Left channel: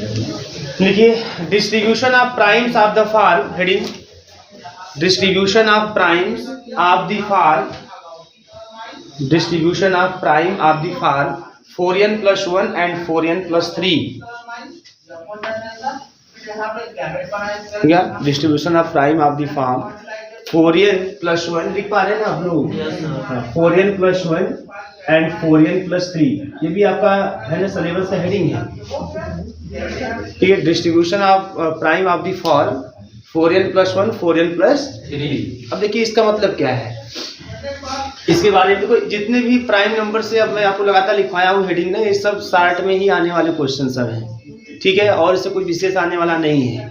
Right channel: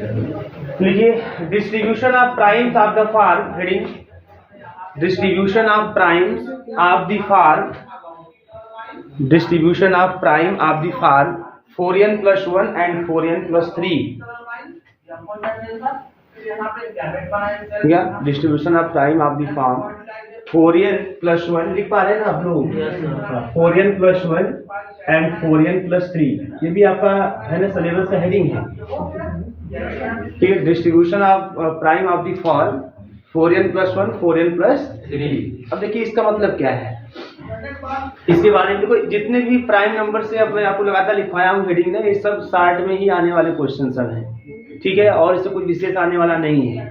देखिए distribution of primes of the form, heading distribution of primes of the form, distribution of prime of the form 4n+1 and 4n+3। क्या distribution of prime of the form 4n+1 लिख पा रहे हैं ना आप लोग, 4n+1 and 4n+3, ये भी आपका है ना सिलेबस का हेडिंग है। ठीक है, distribution of prime of the form 4n+1 4n+3। अब देखिए इसका मतलब क्या है, इसके बारे में देखो, जितने भी प्राइम नंबर से अब मैं आपको लगातार लिखवाया हूँ हेडिंग ने, ये सब शार्ट में ही आने वाले क्वेश्चन सब हैं। ठीक है, और इससे कोई विशेष आने वाला नहीं है।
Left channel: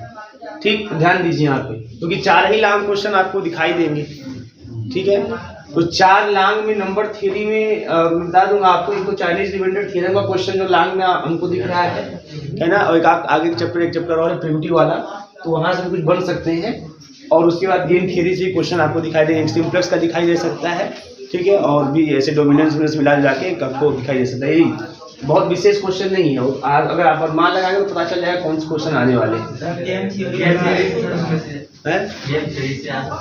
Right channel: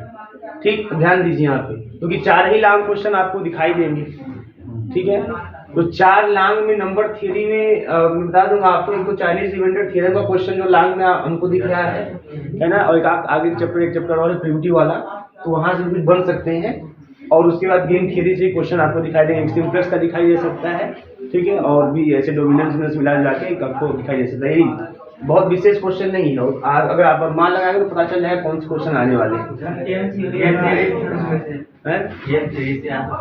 ठीक, ध्यान दीजिए यहाँ पे, क्योंकि 4 ही लॉन्ग क्वेश्चन आपको दिखाई देंगे। ठीक है, तो 4 लॉन्ग में नंबर थ्योरी में बता दूंगा आपको, एक तो चाइनीज रिमाइंडर थ्योरम का क्वेश्चन जो लॉन्ग में हमको दिख रहा है ना, और एक आगे एक चैप्टर और प्रिमिटिव वाला, तो वहां से कुछ बन सकते हैं। और उसके बाद गेम थ्योरी से क्वेश्चन आपको दिखाई देंगे, सिंप्लेक्स का दिखाई दे सकता है। ठीक है, और भी ऐसे डोमिनेंस मिला जाके आपको दिखाई दे सकता है। यही बहुत विशेष क्वेश्चन नहीं है, अगर आप मान लगाएंगे तो पता चल जाएगा कौन से क्वेश्चन आने वाले हैं।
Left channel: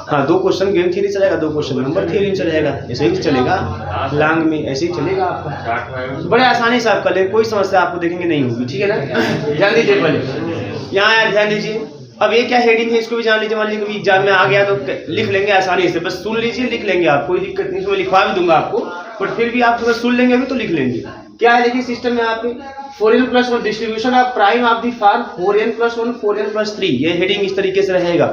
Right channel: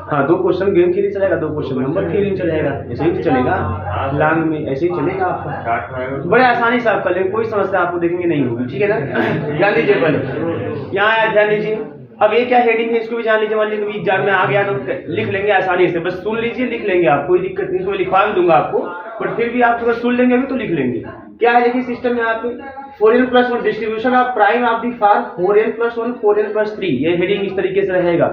हाँ, 2 क्वेश्चन गेम थ्योरी चलेगा, 2 क्वेश्चन नंबर थ्योरी चलेगा, ऐसे ही चलेगा लॉन्ग में, ऐसे ही चलेगा आपका। बड़े आसानी से आप कर लेंगे, कोई समस्या आपको देखेंगे नहीं होगी। ठीक है ना, ध्यान दीजिए, पहले यहाँ आया, ध्यान दीजिए। अब ये क्या हेडिंग है इसको भी जान लीजिए। मान लीजिए कभी एग्जाम में आ गया तो लिख लेंगे आसानी से, बस सुन लीजिए, लिख लेंगे आप, कोई दिक्कत नहीं, इसमें लिखवा भी दूंगा आपको, पर फिर भी आप सुन लेंगे अभी तो लिख लेंगे। क्या है देखिए सिस्टम में यहाँ पे 4n+1 distribution of prime of the form 4n+1 4n+3, ये हेडिंग इस तरीके से रहेगा।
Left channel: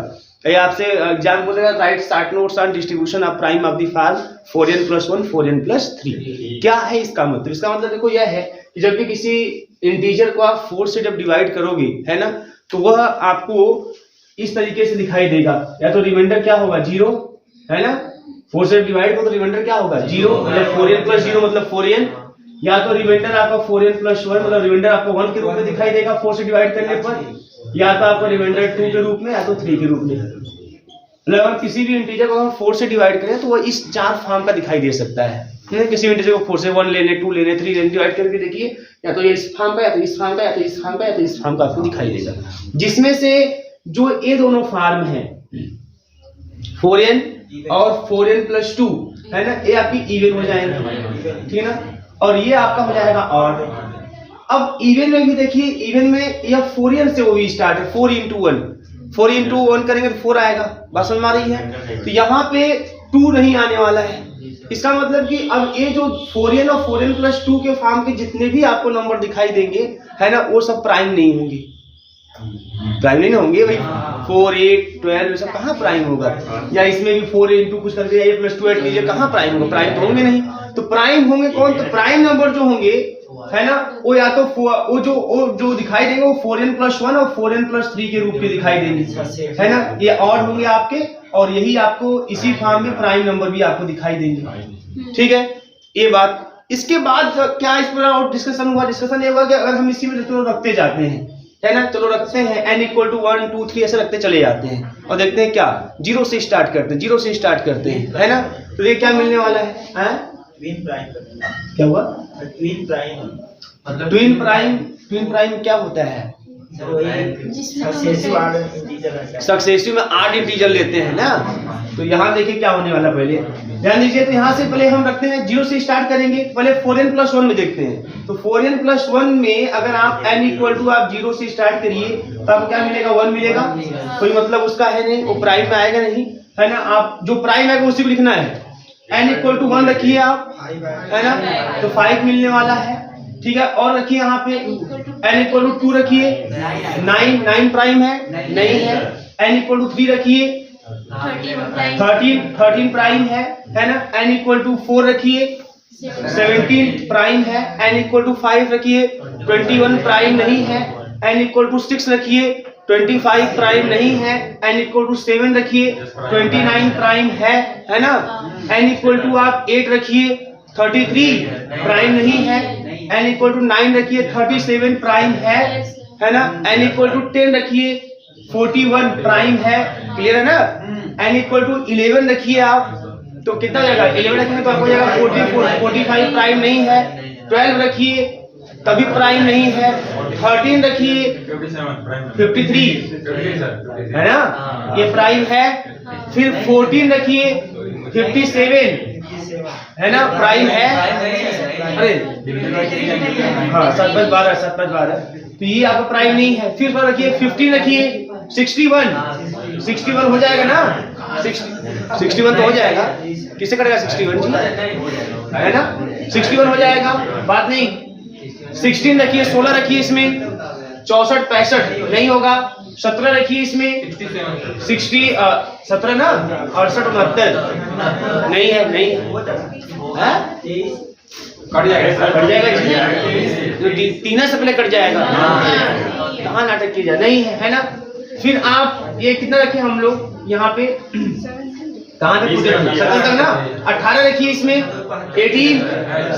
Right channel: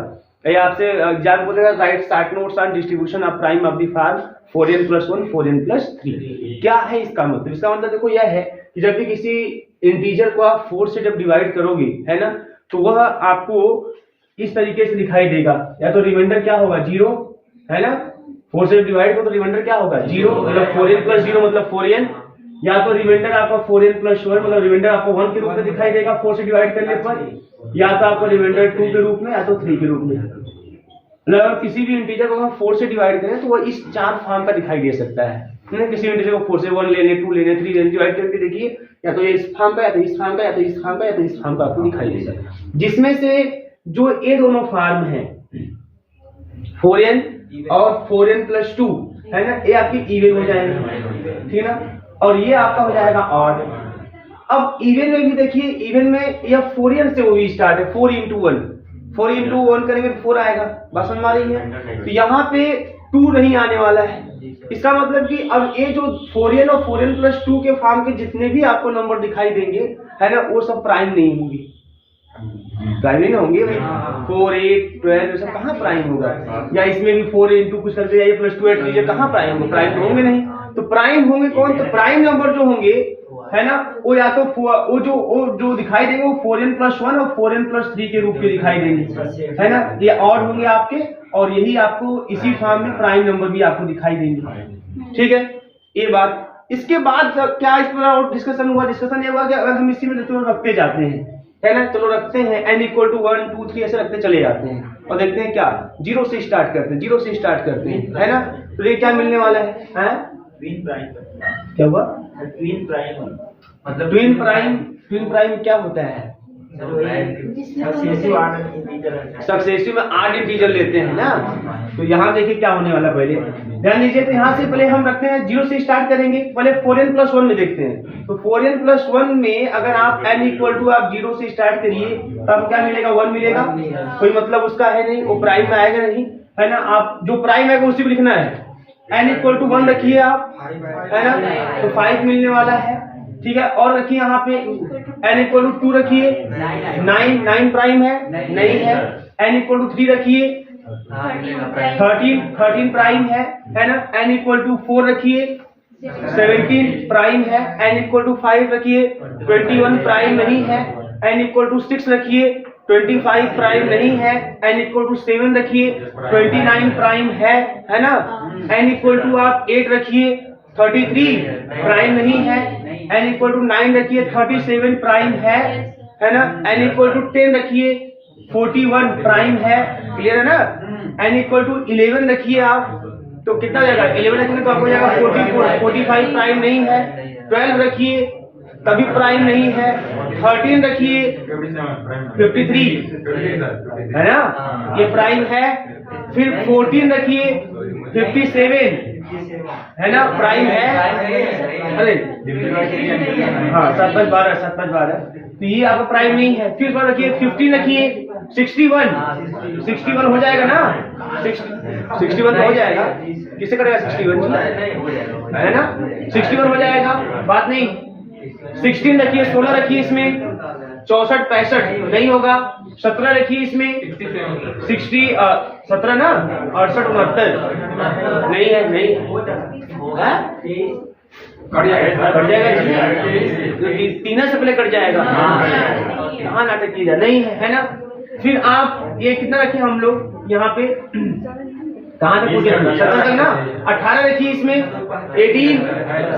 ये आपसे एग्जाम बोलेगा right short notes on distribution of prime of the form 4n+1 4n+3। क्या है इसका मतलब? इसका मतलब देखो यह है कि जब भी किसी इंटीजर को आप 4 से जब डिवाइड करोगे, है ना, तो वह आपको इस तरीके से दिखाई देगा। या तो रिमाइंडर क्या होगा 0, है ना, 4 से डिवाइड करो तो रिमाइंडर क्या होगा 0, मतलब 4n+0 मतलब 4n। या तो रिमाइंडर आपका 4n+1 मतलब रिमाइंडर आपको 1 के रूप में दिखाई देगा 4 से डिवाइड करने पर, या तो आपको रिमाइंडर 2 के रूप में, या तो 3 के रूप में। मतलब हम किसी भी इंटीजर को हम 4 से डिवाइड करें तो वो इस 4 फॉर्म का दिखाई दे सकता है। किसी भी इंटीजर को 4 से 1 ले ले, 2 ले ले, 3 ले ले, डिवाइड करके देखिए, या तो ये इस फॉर्म का, या तो इस फॉर्म का, या तो इस फॉर्म का, या तो इस फॉर्म का आपको दिखाई देगा। जिसमें से जो ये दोनों फॉर्म है 4n और 4n+2, है ना, ये आपकी इवन हो जाएंगे। ठीक है ना, और ये आपका हो जाएगा ऑड। अब इवन में भी देखिए, इवन में यह 4n से वो भी स्टार्ट है, 4 × 1, 4 × 1 करेंगे तो 4 आएगा, बात समझ में आ रही है। तो यहाँ पे 2 नहीं आने वाला है। इसका मतलब कि अब ये जो 4n और 4n+2 के फॉर्म के जितने भी आपको नंबर दिखाई देंगे, है ना, वो सब प्राइम नहीं होंगे। प्राइम नहीं होंगे भाई, 4 8 12 ये सब कहाँ प्राइम होगा? या इसमें भी 4 × कुछ करके या +2 8 लीजिए, कहाँ प्राइम होगा? प्राइम तो होंगे नहीं। तो प्राइम होंगे कौन? तो प्राइम नंबर जो होंगे, है ना, वो या तो वो जो दिखाई देंगे वो 4n+1 और 4n+3 के रूप में दिखाई देंगे, है ना, ये ऑड होंगे आपके, और यही आपको इसी फॉर्म में प्राइम नंबर भी आपको दिखाई देंगे। ठीक है, ये बात। इसके बाद क्या इस पर और डिस्कशन हुआ? डिस्कशन ये हुआ कि अगर हम इसी में रखते जाते हैं, है ना, चलो रखते हैं n = 1 2 3 ऐसे रखते चले जाते हैं, और देखते हैं क्या 0 से स्टार्ट करते हैं, 0 से स्टार्ट करते हैं, है ना, तो ये क्या मिलने वाला है? Twin prime. क्या हुआ? ट्विन प्राइम मतलब ट्विन प्राइम क्या होता है? सक्सेसिव में 8 इंटीजर लेते हैं ना। तो यहाँ देखिए क्या होने वाला, पहले ध्यान दीजिए। तो यहाँ से पहले हम रखते हैं 0 से स्टार्ट करेंगे, पहले 4n+1 में देखते हैं। तो 4n+1 में अगर आप n = आप 0 से स्टार्ट करिए तो आपको क्या मिलेगा? 1 मिलेगा। कोई मतलब उसका है नहीं, वो प्राइम में आएगा नहीं, है ना। आप जो प्राइम आएगा उसी को लिखना है। n = 1 रखिए आप, है ना, तो 5 मिलने वाला है। ठीक है, और रखिए यहाँ पे n = 2 रखिए, 9 प्राइम है नहीं है। n = 3 रखिए, 13 प्राइम है ना। n = 4 रखिए, 17 प्राइम है। n = 5 रखिए, 21 प्राइम नहीं है। n = 6 रखिए, 25 प्राइम नहीं है। n = 7 रखिए, 29 प्राइम है ना। n = आप 8 रखिए, 33 प्राइम नहीं है। n = 9 रखिए, 37 प्राइम है ना। n = 10 रखिए, 41 प्राइम है, क्लियर है ना। n = 11 रखिए आप, तो कितना जाएगा? 11 रखेंगे तो आपको जाएगा 44 45 प्राइम नहीं है। 12 रखिए, कभी प्राइम नहीं है। 13 रखिए 53 है ना, ये प्राइम है। फिर 14 रखिए 57 है ना, प्राइम है। अरे हाँ 7/12 तो ये आपका प्राइम नहीं है। फिर बार रखिए 15 रखिए 61 हो जाएगा ना, 61 तो हो जाएगा। किससे करेगा 61 है ना, 61 हो जाएगा, बात नहीं। 16 रखिए 16 रखिए इसमें 64 65 नहीं होगा। 17 रखिए इसमें 17 ना 68 69 नहीं है, नहीं कट जाएगा इसमें, तीनों से पहले कट जाएगा। कहाँ नाटक किया जाए, नहीं है ना। फिर आप ये कितना रखे हम लोग यहाँ पे, कहाँ तक पूछे 17 तक ना। 18 रखिए इसमें 18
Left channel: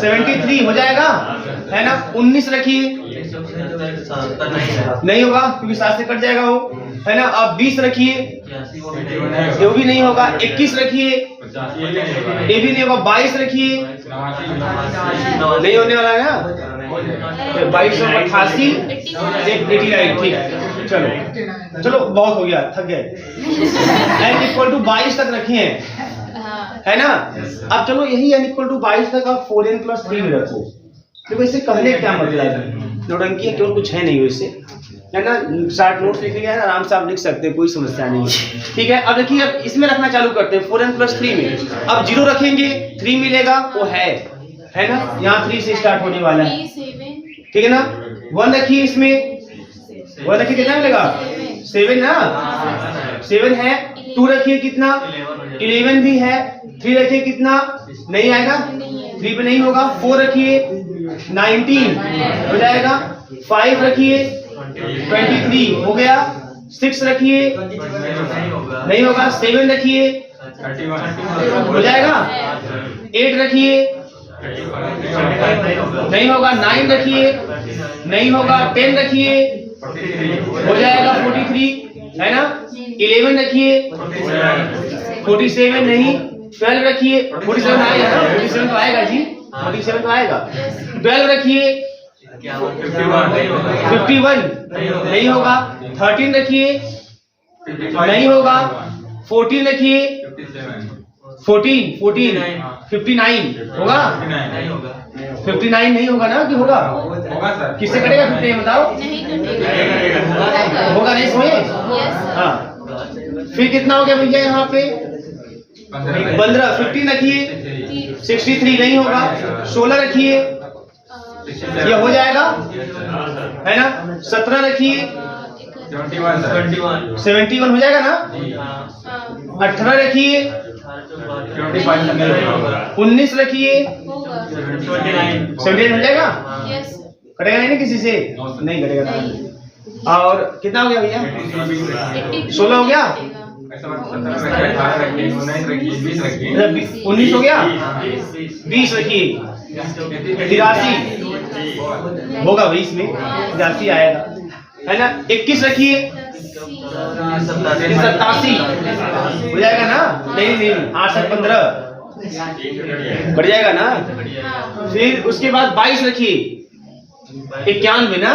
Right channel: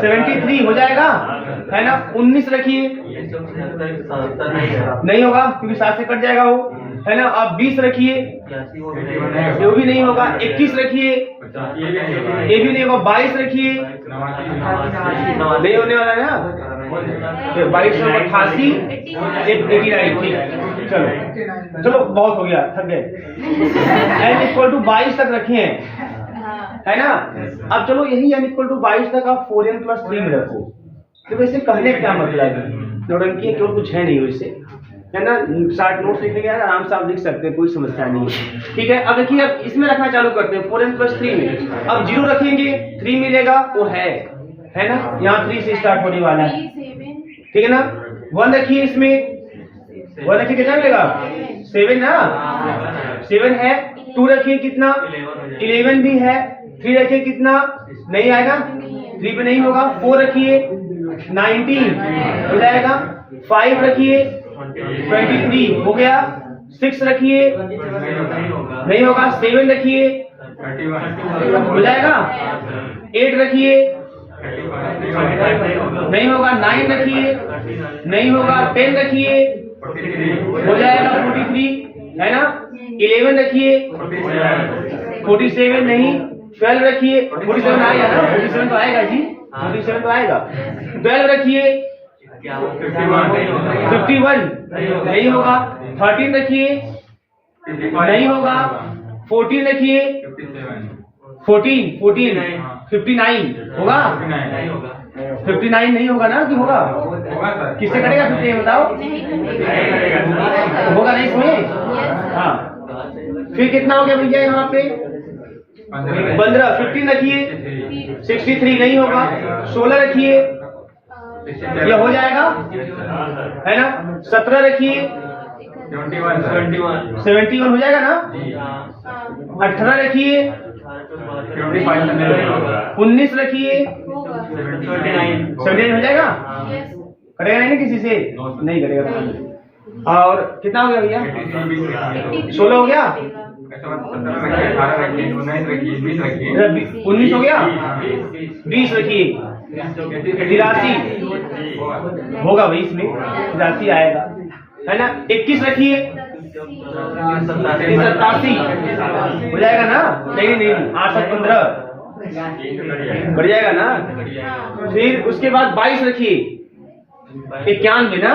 73 हो जाएगा है ना। 19 रखिए नहीं होगा क्योंकि 7 से कट जाएगा वो है ना। अब 20 रखिए ये भी नहीं होगा। 21 रखिए ये भी नहीं होगा। 22 रखिए नहीं होने वाला है ना, 2288 89 ठीक है। चलो बहुत हो गया, थक गए। n = 22 तक रखे हैं है ना। अब चलो यही n = 22 तक आप 4n + 3 में रखो। तो वैसे कहने क्या मतलब है, नौटंकी केवल कुछ है नहीं वैसे है ना। शार्ट नोट्स लिखेंगे आराम से आप लिख सकते हैं, कोई समस्या नहीं है। ठीक है, अब देखिए अब इसमें रखना चालू करते हैं 4n + 3 में। अब 0 रखेंगे 3 मिलेगा, वो है ना। यहाँ 3 से स्टार्ट होने वाला है, ठीक है ना। 1 रखिए इसमें, 1 रखिए कितना मिलेगा 7 ना, 7 है। 2 रखिए कितना 11 भी है। 3 रखिए कितना नहीं आएगा, 3 पे नहीं होगा। 4 रखिए 19 हो जाएगा। 5 रखिए 23 हो गया। 6 रखिए नहीं होगा। 7 रखिए हो जाएगा। 8 रखिए नहीं होगा। 9 रखिए नहीं होगा। 10 रखिए हो जाएगा 43 है ना। 11 रखिए 47 नहीं। 12 रखिए 47 आएगा ना, 47 तो आएगा जी, 47 तो आएगा। 12 रखिए 51 नहीं होगा। 13 रखिए नहीं होगा। 14 रखिए 14 59 होगा। 59 नहीं होगा ना, कि होगा किससे कटेगा 59 बताओ, होगा नहीं इसमें। हाँ फिर कितना हो गया भैया यहाँ पे 15। 15 रखिए 63 नहीं होगा। 16 रखिए ये हो जाएगा है ना। 17 रखिए 71 हो जाएगा ना। 18 रखिए 19 रखिए 79 हो जाएगा। कटेगा नहीं ना किसी से, नहीं कटेगा। और कितना हो गया भैया 16 हो गया। 19 हो गया। 20 रखिए 83 होगा भाई, इसमें 83 आएगा है ना। 21 रखिए 87 हो जाएगा ना। नहीं 8 15 बढ़ जाएगा ना। फिर उसके बाद 22 रखिए 91 ना।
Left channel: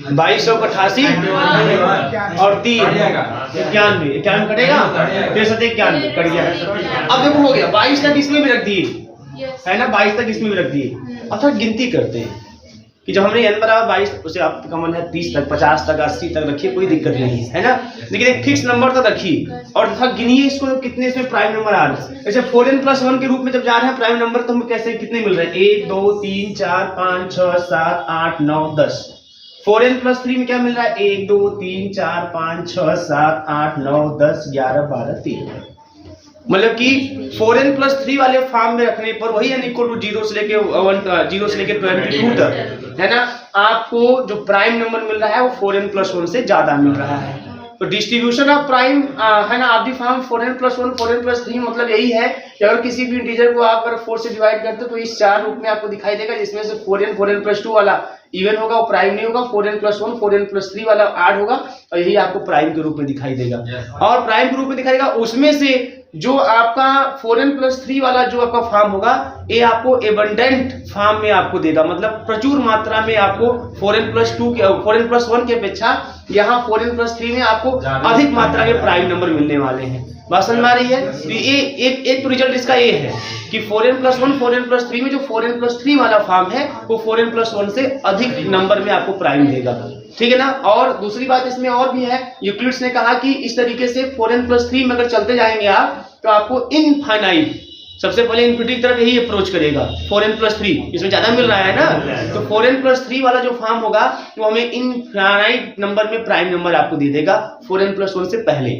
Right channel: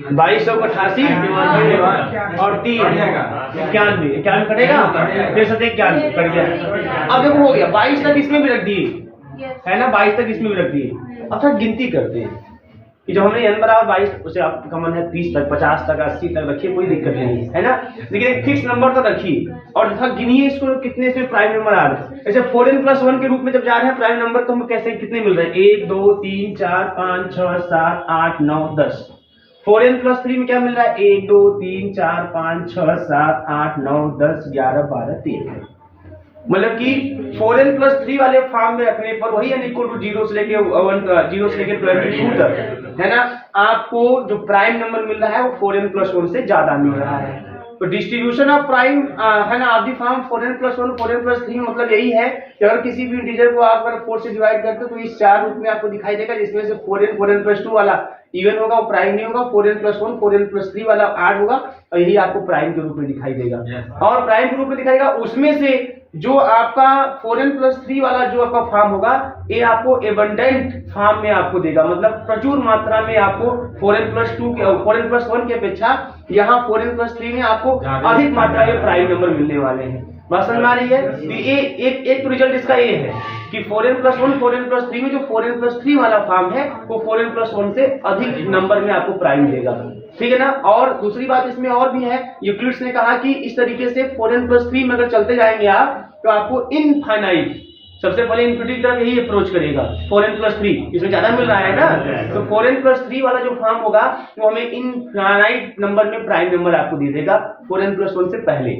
2288 और 3 91 कटेगा। फिर 91 कट गया। अब देखो हो गया 22 तक इसमें भी रख दिए है ना। 22 तक इसमें भी रख दिए। अब फिर गिनती करते हैं कि जब हमने n = 22 उसे आपका मन है 30 तक 50 तक 80 तक रखिए, कोई दिक्कत नहीं है ना। लेकिन एक फिक्स नंबर तक रखिए और गिनिए इसको कितने इसमें प्राइम नंबर आ रहे हैं। जैसे 4n + 1 के रूप में जब जा रहे हैं प्राइम नंबर, तो हम कैसे कितने मिल रहे हैं 1 2 3 4 5 6 7 8 9 10। 4n + 3 में क्या मिल रहा है 1 2 3 4 5 6 7 8 9 10 11 12 13। मतलब कि 4n + 3 वाले फॉर्म में रखने पर वही n = 0 से लेके 0 से लेके 22 तक है ना, आपको जो प्राइम नंबर मिल रहा है वो 4n + 1 से ज्यादा मिल रहा है। तो डिस्ट्रीब्यूशन ऑफ प्राइम है ना आदि फॉर्म 4n + 1 4n + 3 मतलब यही है कि अगर किसी भी इंटीजर को आप अगर 4 से डिवाइड करते हो तो इस 4 रूप में आपको दिखाई देगा, जिसमें से 4n + 2 वाला इवन होगा, वो प्राइम नहीं होगा। 4n + 1 4n + 3 वाला ऐड होगा और यही आपको प्राइम के रूप में दिखाई देगा। और प्राइम के रूप में दिखाएगा उसमें से जो आपका 4n+3 वाला जो आपका फॉर्म होगा ये आपको एबंडेंट फॉर्म में आपको देगा, मतलब प्रचुर मात्रा में आपको 4n+1 की अपेक्षा यहाँ 4n+3 में आपको अधिक मात्रा में प्राइम नंबर मिलने वाले हैं। बात समझ में आ रही है? तो ये एक रिजल्ट इसका ये है कि 4n+1 4n+3 में जो 4n+3 वाला फॉर्म है वो 4n+1 से अधिक नंबर में आपको प्राइम देगा, ठीक है ना। और दूसरी बात इसमें और भी है, यूक्लिड्स ने कहा कि इस तरीके से 4n+3 में अगर चलते जाएंगे आप तो आपको इनफाइनाइट, सबसे पहले इन्फिनिटी की तरफ यही अप्रोच करेगा 4n+3, इसमें ज्यादा मिल रहा है ना, तो 4n+3 वाला जो फॉर्म होगा वो हमें इनफाइनाइट नंबर में प्राइम नंबर आपको दे देगा 4n+1 से पहले,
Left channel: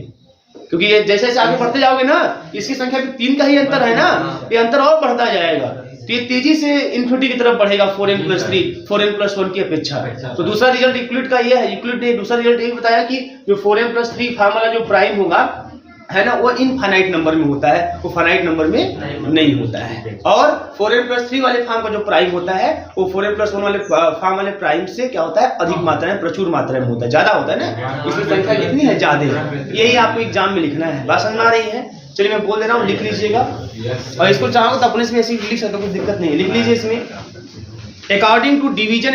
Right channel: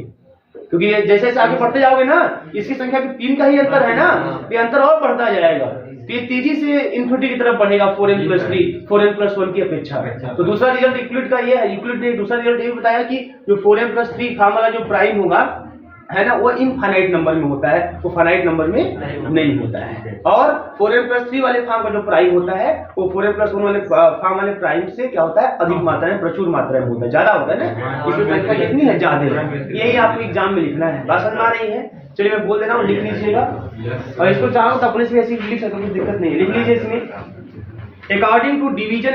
क्योंकि ये जैसे जैसे आगे बढ़ते जाओगे ना इसकी संख्या भी 3 का ही अंतर है ना, ये अंतर और बढ़ता जाएगा, तो ये तेजी से इन्फिनिटी की तरफ बढ़ेगा 4n+3 4n+1 की अपेक्षा। तो दूसरा रिजल्ट यूक्लिड का ये है, यूक्लिड ने दूसरा रिजल्ट ये बताया कि जो 4n+3 फॉर्म वाला जो प्राइम होगा है ना वो इनफाइनाइट नंबर में होता है, वो फाइनाइट नंबर में नहीं होता है। और 4n+3 वाले फॉर्म का जो प्राइम होता है वो 4n+1 वाले फॉर्म वाले प्राइम से क्या होता है, अधिक मात्रा में, प्रचुर मात्रा में होता है, ज्यादा होता है ना, इसकी संख्या कितनी है, ज्यादा है। यही आपको एग्जाम में लिखना है। बात समझ आ रही है? चलिए मैं बोल दे रहा हूँ, लिख लीजिएगा, और इसको चाहो तो अपने से ऐसे लिख सकते हो, कोई दिक्कत नहीं, लिख लीजिए इसमें। According to division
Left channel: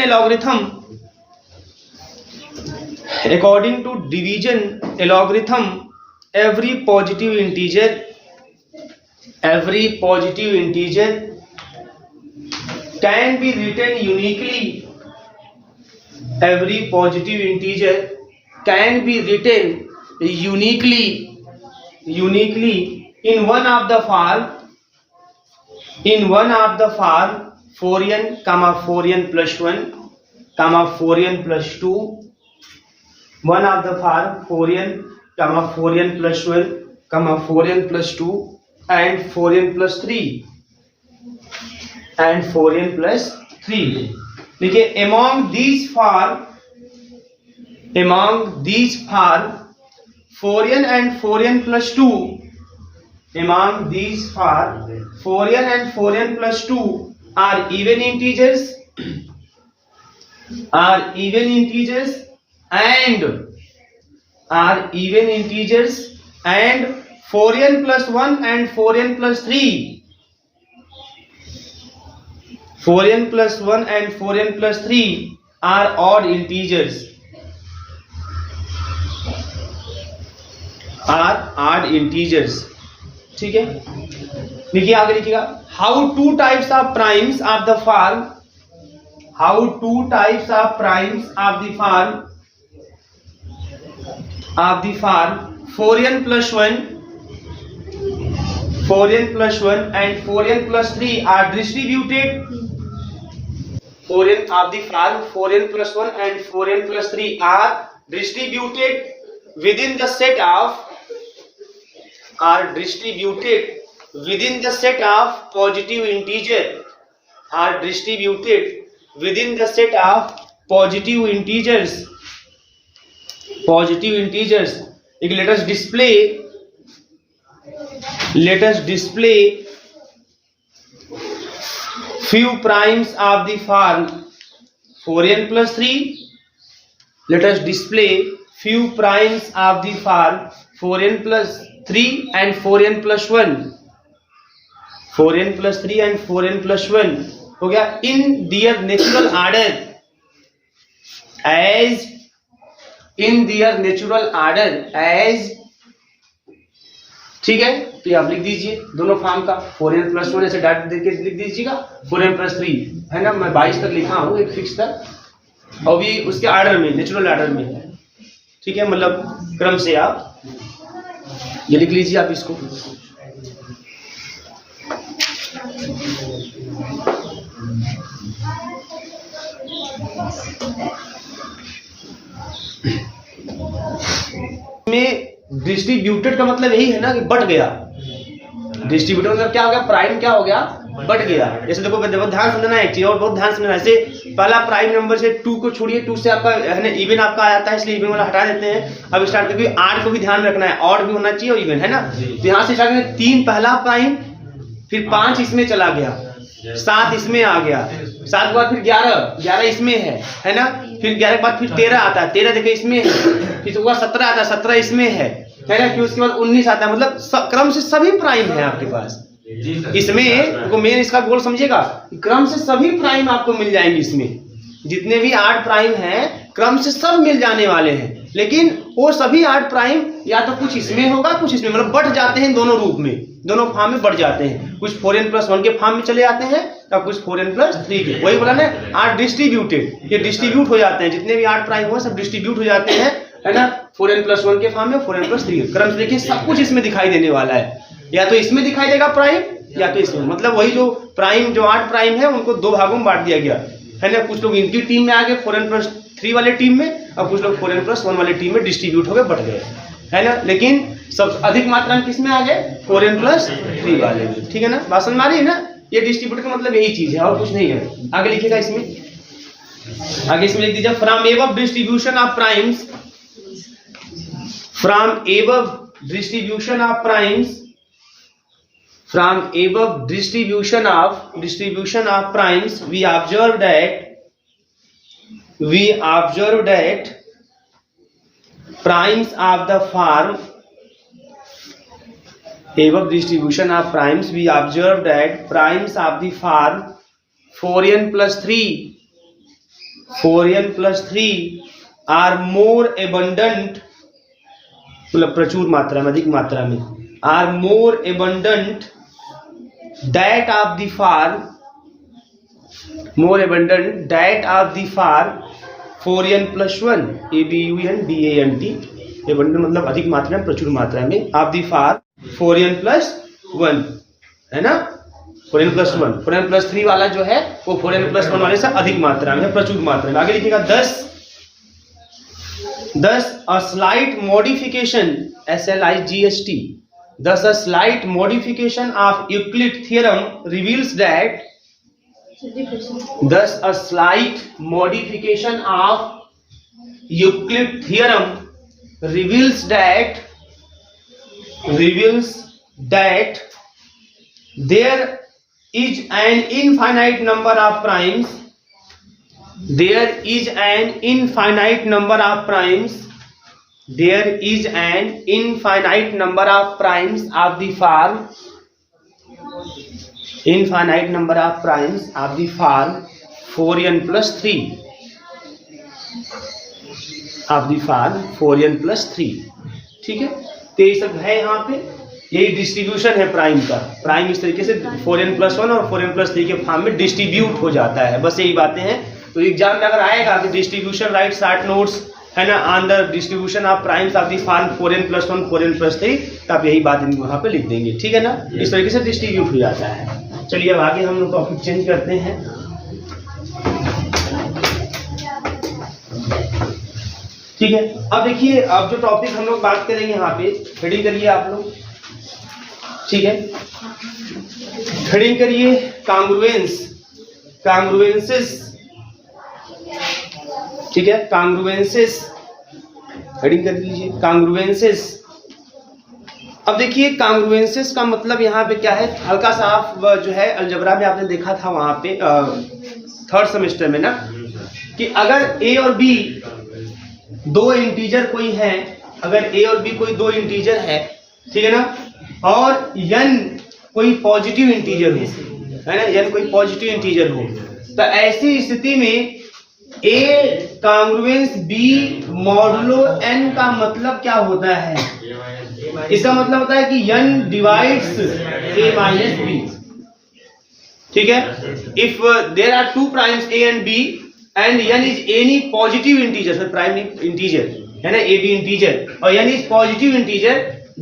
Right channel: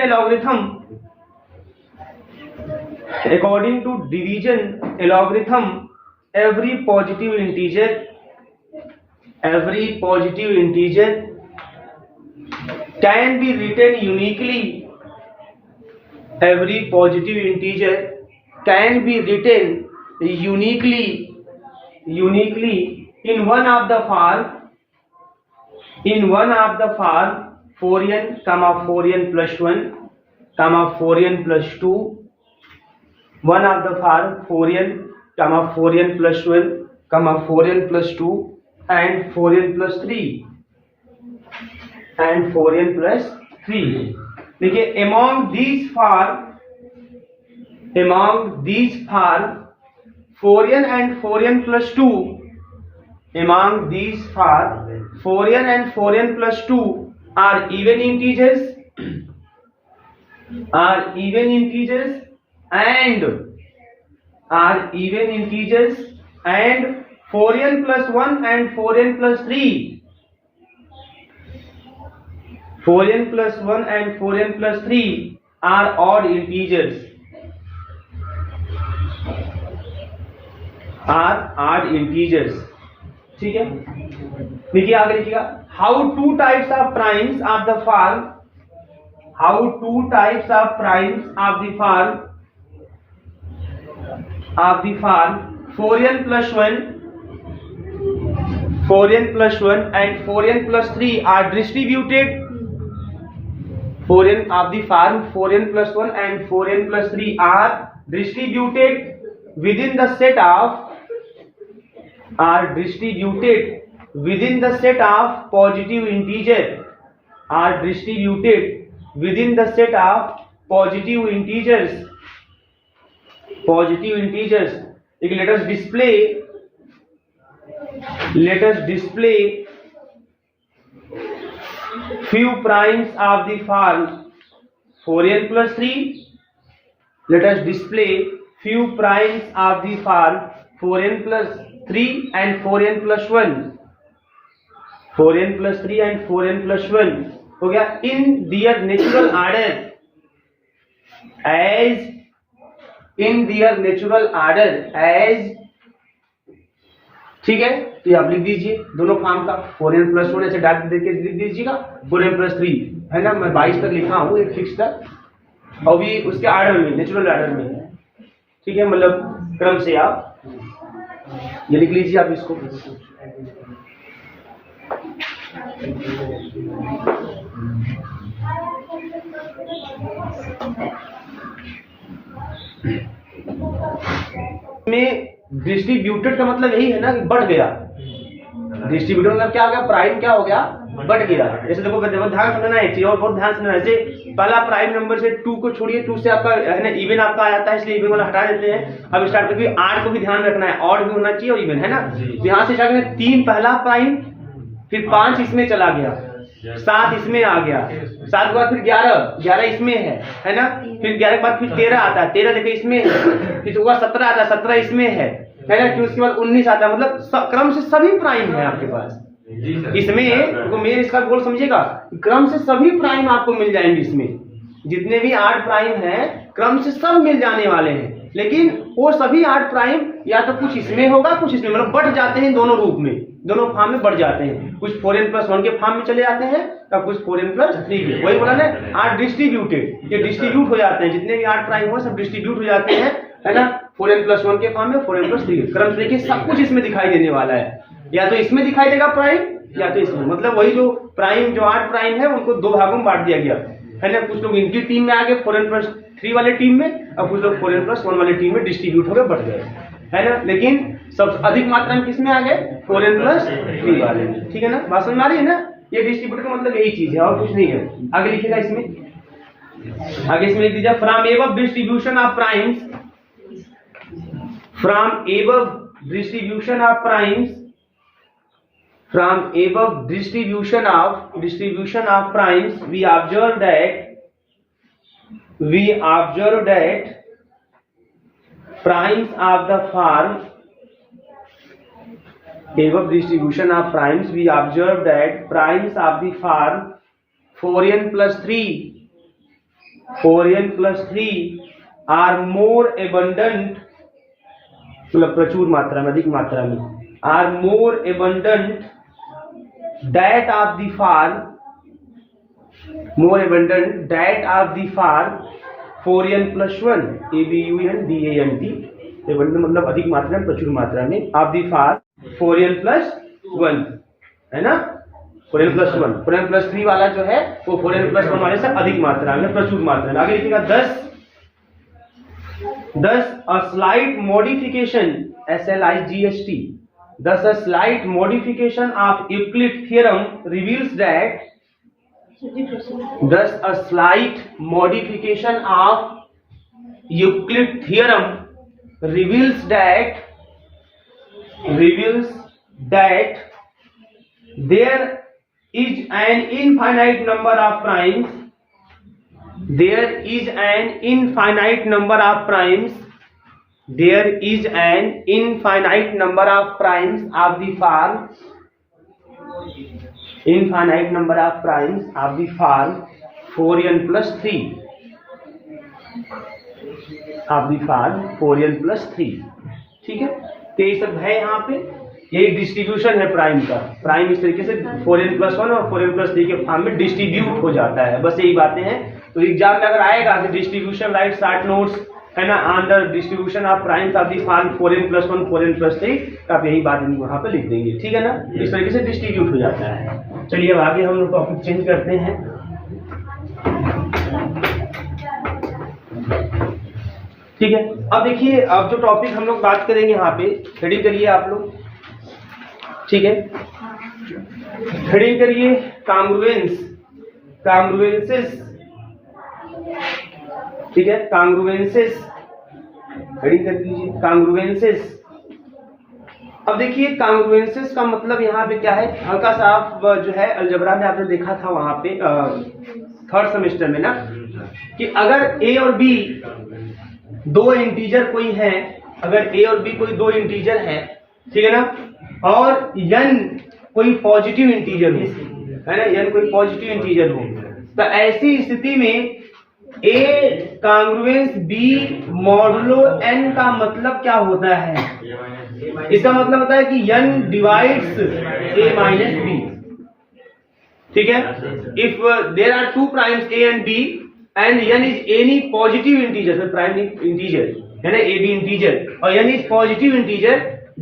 algorithm every positive integer can be written uniquely. Every positive integer can be written uniquely in one of the form 4n, 4n+1, 4n+2, one of the form 4n, 4n+1, 4n+2 and 4n+3 देखिए among these form 4n and 4n+2, among these form 4n and 4n+2 are even integers and 4n+1 and 4n+3 are odd integers, ठीक है। देखिए आगे लिखिएगा, how two types of primes of the form 4n+1 and 4n+3 are distributed. 4n+1 and 4n+3 are distributed within the set of positive integer. Let us display few primes of the form 4n+3. Let us display few primes of the form 4n+3 and 4n+1. 4n+3 and 4n+1 हो गया in their natural order, ठीक है। तो ये आप लिख दीजिए दोनों फॉर्म का 4n+1 ऐसे डायरेक्ट देके लिख दीजिएगा, 4n+3 है ना, मैं 22 तक लिखा हूँ एक फिक्स तक, और भी उसके ऑर्डर में, नेचुरल ऑर्डर में है, ठीक है, मतलब क्रम से आप ये लिख लीजिए आप इसको। में डिस्ट्रीब्यूटेड का मतलब यही है ना कि बढ़ गया, डिस्ट्रीब्यूटेड मतलब क्या हो गया, प्राइम क्या हो गया, बढ़ गया। जैसे देखो बहुत ध्यान से समझना है एक चीज, और बहुत ध्यान से समझना है। जैसे पहला प्राइम नंबर से 2 को छोड़िए, 2 से आपका है ना इवन आपका आता है, इसलिए इवन वाला हटा देते हैं। अब स्टार्ट करके 8 को भी ध्यान में रखना है, ऑड भी होना चाहिए और इवन, है ना। तो यहाँ से स्टार्ट करें 3 पहला प्राइम, फिर 5 इसमें चला गया, 7 इसमें आ गया, 7 के बाद फिर 11 इसमें है ना, फिर 11 के बाद फिर 13 आता है, 13 देखिए इसमें है, फिर 17 आता है, 17 इसमें है, है ना, कि उसके बाद 19 आता है, मतलब क्रम से सभी प्राइम है आपके पास इसमें। तो मेन इसका गोल समझिएगा, क्रम से सभी प्राइम आपको मिल जाएंगे इसमें, जितने भी 8 प्राइम हैं क्रम से सब मिल जाने वाले हैं। लेकिन वो सभी 8 प्राइम या तो कुछ इसमें होगा कुछ इसमें, मतलब बढ़ जाते हैं दोनों रूप में, दोनों फॉर्म में बढ़ जाते हैं। कुछ 4n+1 के फॉर्म में चले जाते हैं या कुछ 4n+3 के। वही बोला ना 8 डिस्ट्रीब्यूटेड, ये डिस्ट्रीब्यूट हो जाते हैं, जितने भी 8 प्राइम हुआ सब डिस्ट्रीब्यूट हो जाते हैं, है ना, 4n+1 के फॉर्म में 4n+3 के क्रम से। देखिए सब कुछ इसमें दिखाई देने वाला है, या तो इसमें दिखाई देगा प्राइम या तो इसमें, मतलब वही जो प्राइम जो 8 प्राइम है उनको 2 भागों में बांट दिया गया है ना। कुछ लोग इनकी टीम में आ गए 4n+3 वाले टीम में, और कुछ लोग 4n+1 वाले टीम में डिस्ट्रीब्यूट हो गए, बढ़ गए, है ना। लेकिन सब अधिक मात्रा में किसमें आ गए 4n+3 वाले, ठीक है ना। बात समझ आ रही है ना। ये डिस्ट्रीब्यूटर का मतलब यही चीज है और कुछ नहीं है। आगे लिखिएगा इसमें, आगे इसमें लिख दीजिए from above distribution of primes, from above distribution of primes, from above distribution of primes we observe that primes of the form, above distribution of primes we observe that primes of the form 4n+3 are more abundant, मतलब प्रचुर मात्रा में, अधिक मात्रा में, are more abundant that of the form, more abundant that of the form 4n+1 abundant, abundant मतलब अधिक मात्रा में, प्रचुर मात्रा में, of the form 4n+1, है ना, 4n+1, 4n+3 वाला जो है वो 4n+1 वाले से अधिक मात्रा में, प्रचुर मात्रा में। आगे लिखिएगा 10 a slight modification, SLIGHT, thus a slight modification of Euclid theorem reveals that, thus a slight modification of Euclid theorem reveals that there is an infinite number of primes, there is an infinite number of primes, there is an infinite number of primes of the form, infinite number of primes of the form 4n+3, of the form 4n+3, ठीक है। तो ये सब है यहाँ पे, यही distribution है प्राइम का। प्राइम इस तरीके से 4n+1 और 4n+3 के फॉर्म में डिस्ट्रीब्यूट हो जाता है, बस यही बातें हैं। तो एग्जाम में अगर आएगा कि डिस्ट्रीब्यूशन राइट शॉर्ट नोट्स, है ना, on the distribution of primes of the form 4n+1 4n+3, तो आप यही बात वहां पे लिख देंगे, ठीक है ना। इस तरीके से डिस्ट्रीब्यूट हो जाता है। चलिए अब आगे हम लोग टॉपिक चेंज करते हैं। ठीक है, अब देखिए, अब जो टॉपिक हम लोग बात करेंगे यहाँ पे, हेडिंग करिए आप लोग, ठीक है, हेडिंग करिए कांग्रुएंसेस, ठीक है, कांग्रुएंसेस, हेडिंग कर लीजिए कांग्रुएंसेस। अब देखिए कांग्रुएंसेस का मतलब यहाँ पे क्या है, हल्का सा आप जो है अलजबरा में आपने देखा था वहां पे 3rd सेमेस्टर में ना, कि अगर ए और बी दो इंटीजर कोई है, अगर ए और बी कोई 2 इंटीजर है, ठीक है ना, और n कोई पॉजिटिव इंटीजर हो, है ना, n कोई पॉजिटिव इंटीजर हो, तो ऐसी स्थिति में ए कांग्रुएंस बी मॉडुलो n का मतलब क्या होता है? इसका मतलब होता है कि n divides a minus b, ठीक है। If there are 2 primes a and b and n is any positive integer, prime integer है ना, a b इंटीजर और n is positive integer,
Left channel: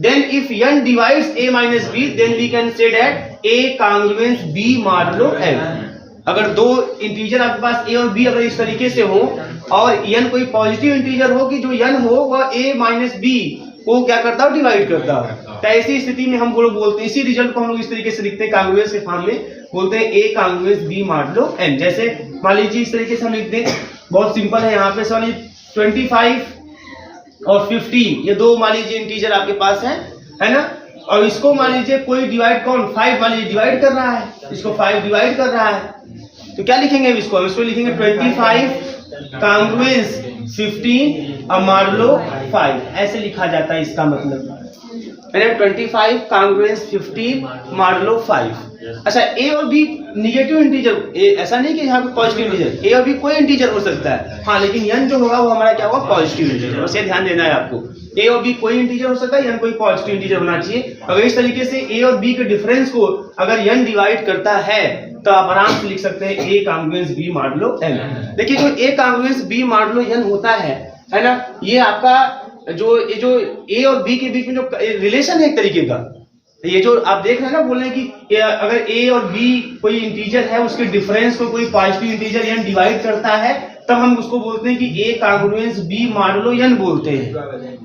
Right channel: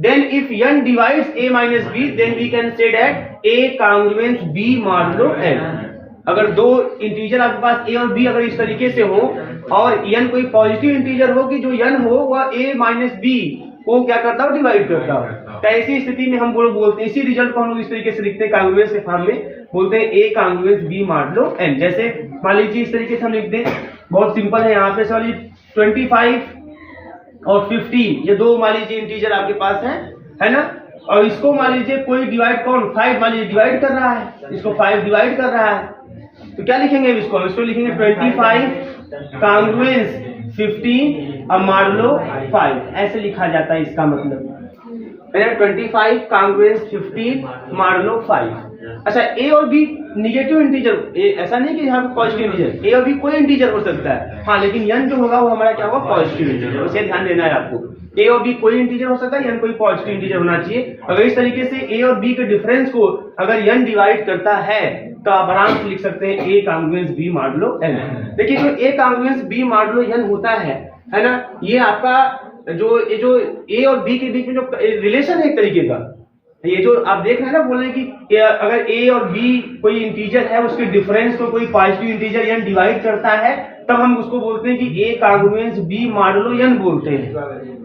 then if n divides a minus b then we can say that a congruence b modulo n। अगर 2 integer आपके पास a और b अगर इस तरीके से हो और n कोई पॉजिटिव इंटीजर हो कि जो n हो वह a माइनस b को क्या करता हो, डिवाइड करता हो, तो ऐसी स्थिति में हम बोलते हैं, इसी रिजल्ट को हम लोग इस तरीके से लिखते हैं कांग्रुएंस के फॉर्म में, बोलते हैं a congruence b modulo n। जैसे मान लीजिए इस तरीके से हम लिख दें, बहुत सिंपल है, यहाँ पे सॉरी 25 और 50 ये 2 मान लीजिए इंटीजर आपके पास है ना, और इसको मान लीजिए कोई डिवाइड कौन 5 मान लीजिए डिवाइड कर रहा है, इसको 5 डिवाइड कर रहा है, तो क्या लिखेंगे इसको लिखेंगे 25 कांग्रुएंस 15 और मॉडुलो 5, ऐसे लिखा जाता है इसका मतलब, मैंने 25 कांग्रुएंस 15 मॉड लो 5। अच्छा ए और बी निगेटिव इंटीजर, ऐसा नहीं कि यहाँ पे पॉजिटिव इंटीजर, ए और बी कोई इंटीजर हो सकता है, हाँ, लेकिन n जो होगा वो हमारा क्या होगा, पॉजिटिव इंटीजर। बस ये ध्यान देना है आपको, ए और बी कोई इंटीजर हो सकता है, n कोई पॉजिटिव इंटीजर होना चाहिए। अगर इस तरीके से ए और बी के डिफरेंस को अगर n डिवाइड करता है तो आप आराम से लिख सकते हैं a congruence b mod low n। देखिए जो a congruence b mod low n होता है ना, ये आपका जो a और b के बीच में जो रिलेशन है एक तरीके का, ये जो आप देख रहे हैं ना, बोल रहे हैं कि अगर a और b कोई इंटीजर है, उसके डिफरेंस को कोई पॉजिटिव इंटीजर n डिवाइड करता है, तब हम उसको बोलते हैं कि a congruence b modulo n बोलते हैं,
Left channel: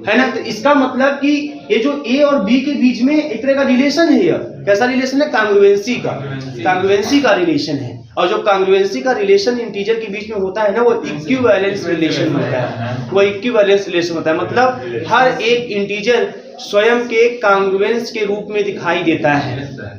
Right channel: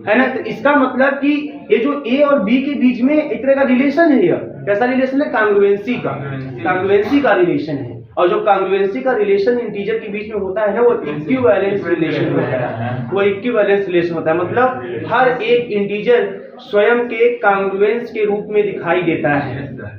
है ना। तो इसका मतलब कि ये जो a और b के बीच में एक तरह का रिलेशन है, ये कैसा रिलेशन है, कांग्रुएंसी का रिलेशन है। और जो कांग्रुएंसी का रिलेशन इंटीजर के बीच में होता है ना, वो इक्विवेलेंस रिलेशन होता है, वो इक्विवेलेंस रिलेशन होता है, मतलब हर एक इंटीजर स्वयं के कांग्रुएंस के रूप में दिखाई देता है,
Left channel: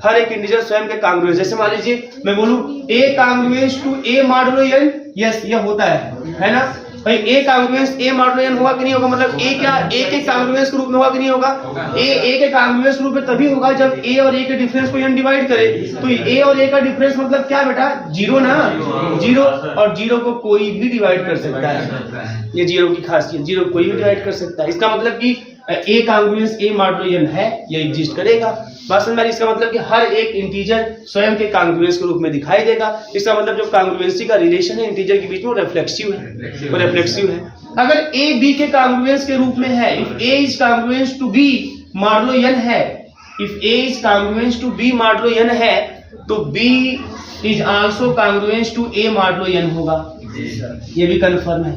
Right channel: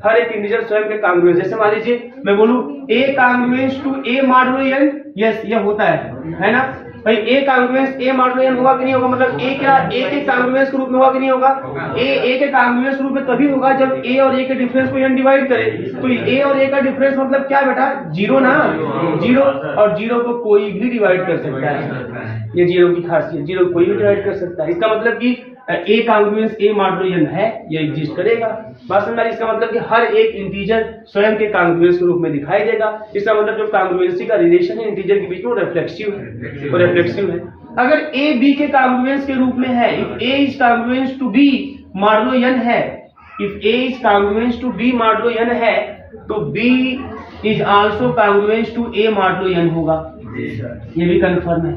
हर एक इंटीजर स्वयं के कांग्रुएंस। जैसे मान लीजिए मैं बोलूं a congruence to a modulo n, yes ये होता है ना भाई, a congruence a modulo n होगा कि नहीं होगा, मतलब a क्या a के कांग्रुएंस के रूप में होगा कि नहीं होगा, a के कांग्रुएंस के रूप में तभी होगा जब a और a के डिफरेंस को n डिवाइड करे। तो a और a का डिफरेंस मतलब क्या बेटा, 0 ना, 0, और 0 को कोई भी डिवाइड कर सकता है, ये 0 की खासियत, 0 कोई भी डिवाइड कर सकता है। इसका मतलब कि a congruence a modulo n है, ये एग्जिस्ट करेगा। बात समझ में आ रही? इसका मतलब कि हर एक इंटीजर स्वयं के कांग्रुएंस के रूप में दिखाई देगा। इसका मतलब जो कांग्रुएंसी का रिलेशन है इंटीजर के बीच में, वो रिफ्लेक्सिव है, वो रिफ्लेक्सिव है। अगर a b के कांग्रुएंस के रूप में है, if a is congruence to b modulo n है, if a is congruence to b modulo n है, तो b is also congruence to a modulo n होगा, ये भी कंफर्म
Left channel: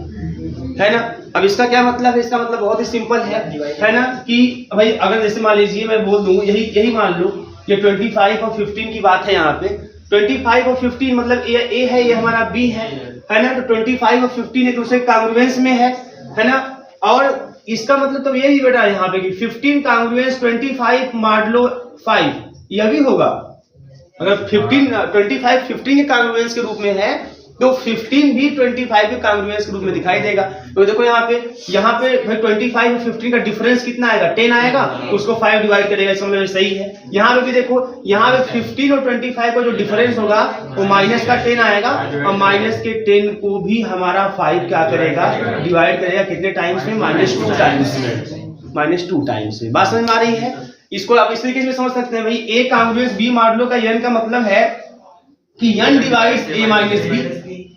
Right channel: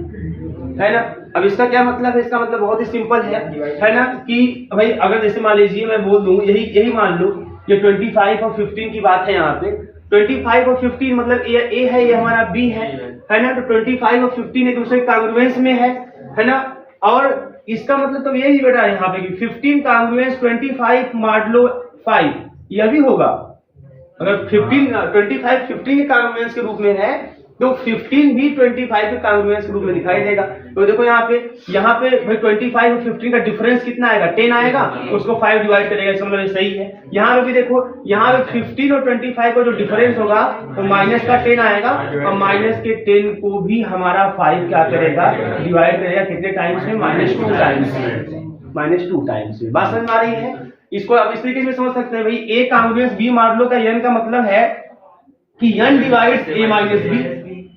है ना। अब इसका क्या मतलब है, इसका मतलब बहुत ही सिंपल है ना, कि भाई अगर जैसे मान लीजिए मैं बोल दूं, यही मान लो, ये 25 और 15 की बात है, यहाँ पे 25 और 15 मतलब ये a है, ये हमारा b है ना, तो 25 और 15 एक दूसरे कांग्रुएंस में है ना। और इसका मतलब तो यही बेटा यहाँ पे कि 15 कांग्रुएंस 25 मॉडुलो 5, यह भी होगा। अगर 25 15 के कांग्रुएंस के रूप में है, तो 15 भी 25 के कांग्रुएंस के रूप में दिखाई देगा। तो देखो यहाँ पे भाई 25 और 15 का डिफरेंस कितना आएगा, 10 आएगा, तो उसको 5 डिवाइड करेगा, इसका मतलब सही है। यहाँ पे भी देखो, यहाँ पे 15 और 25 का जो डिफरेंस होगा वो माइनस का 10 आएगा, और माइनस के 10 को भी हमारा 5 क्या करेगा, डिवाइड करेगा, कितने टाइम्स में, -2 टाइम्स में, -2 टाइम्स में। बात समझ में आ रही है? इसको आप इस तरीके से समझ सकते हैं भाई, a कांग्रुएंस b मॉडुलो का n का मतलब है कि n divides a minus b,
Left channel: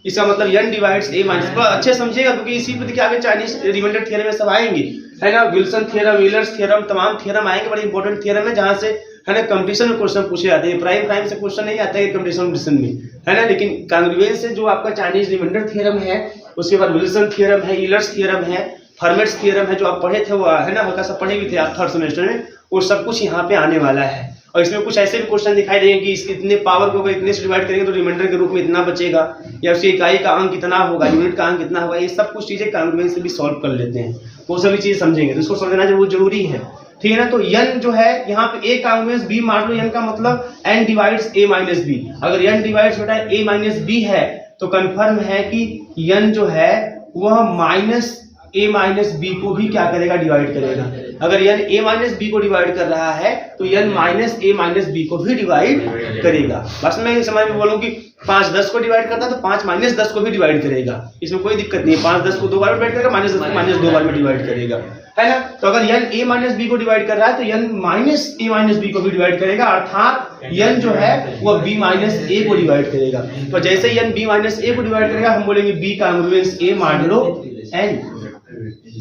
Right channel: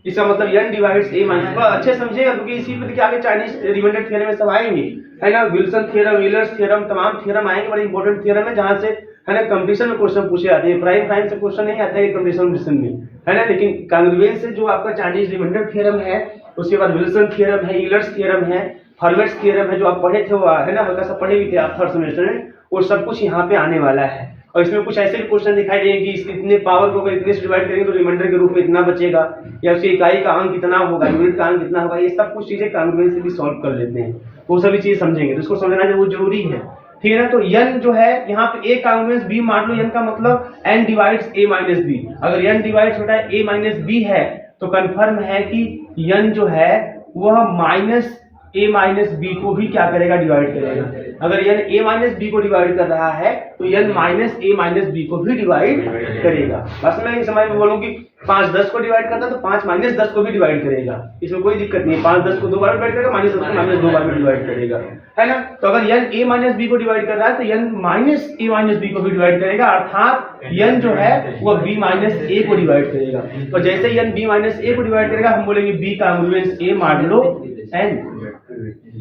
इसका मतलब n डिवाइड्स a माइनस। अच्छे समझिएगा, क्योंकि इसी पे देखिए आगे चाइनीज रिमाइंडर थ्योरम में सब आएंगे, है ना, विल्सन थ्योरम, व्हीलर्स थ्योरम, तमाम थ्योरम आएंगे, बड़े इंपॉर्टेंट थ्योरम है, जहां से है ना कंपटीशन में क्वेश्चन पूछे जाते हैं। प्राइम से क्वेश्चन नहीं आता है कंपटीशन में, है ना, लेकिन कांग्रुएंस से जो आपका चाइनीज रिमाइंडर थ्योरम है, उसके बाद विल्सन थ्योरम है, व्हीलर्स थ्योरम है, फर्मेट्स थ्योरम है, जो आप पढ़े थे वो है ना, हल्का सा पढ़े भी थे आप थर्ड सेमेस्टर में, वो सब कुछ यहाँ पे आने वाला है। और इसमें कुछ ऐसे भी क्वेश्चन दिखाई देंगे कि इसके इतने पावर को अगर इतने से डिवाइड करेंगे तो रिमाइंडर के रूप में इतना बचेगा, या उसकी इकाई का अंक कितना होगा, यूनिट का अंक कितना होगा, ये सब कुछ चीजें कांग्रुएंस से भी सॉल्व कर लेते हैं, वो सभी चीजें समझेंगे, तो इसको समझना बहुत जरूरी है, ठीक है ना। तो n जो है यहाँ पे a congruence b modulo n का मतलब n divides a minus b। अगर n डिवाइड्स बेटा a माइनस b है, तो कंफर्म है कि n जो है वह माइनस a माइनस b को भी क्या करेगा, डिवाइड करेगा। अगर n a माइनस b को डिवाइड कर रहा है, तो n minus a minus b को भी डिवाइड करेगा। बस मैं समझ में बोलूं कि 5 10 को डिवाइड करता है, तो 5 माइनस 10 को भी डिवाइड करेगा, इसमें कोई दिक्कत नहीं है। 5 10 को 2 बार डिवाइड करेगा, -10 को -2 बार में डिवाइड करेगा, है ना। तो अगर n a माइनस b को डिवाइड कर रहा है, तो n minus a minus b को भी डिवाइड करेगा, अर्थात n जो है वो b माइनस a को डिवाइड करेगा। तो जैसे ही n b माइनस a को डिवाइड करेगा, हम बोलेंगे b कांग्रुएंस a मॉडुलो n।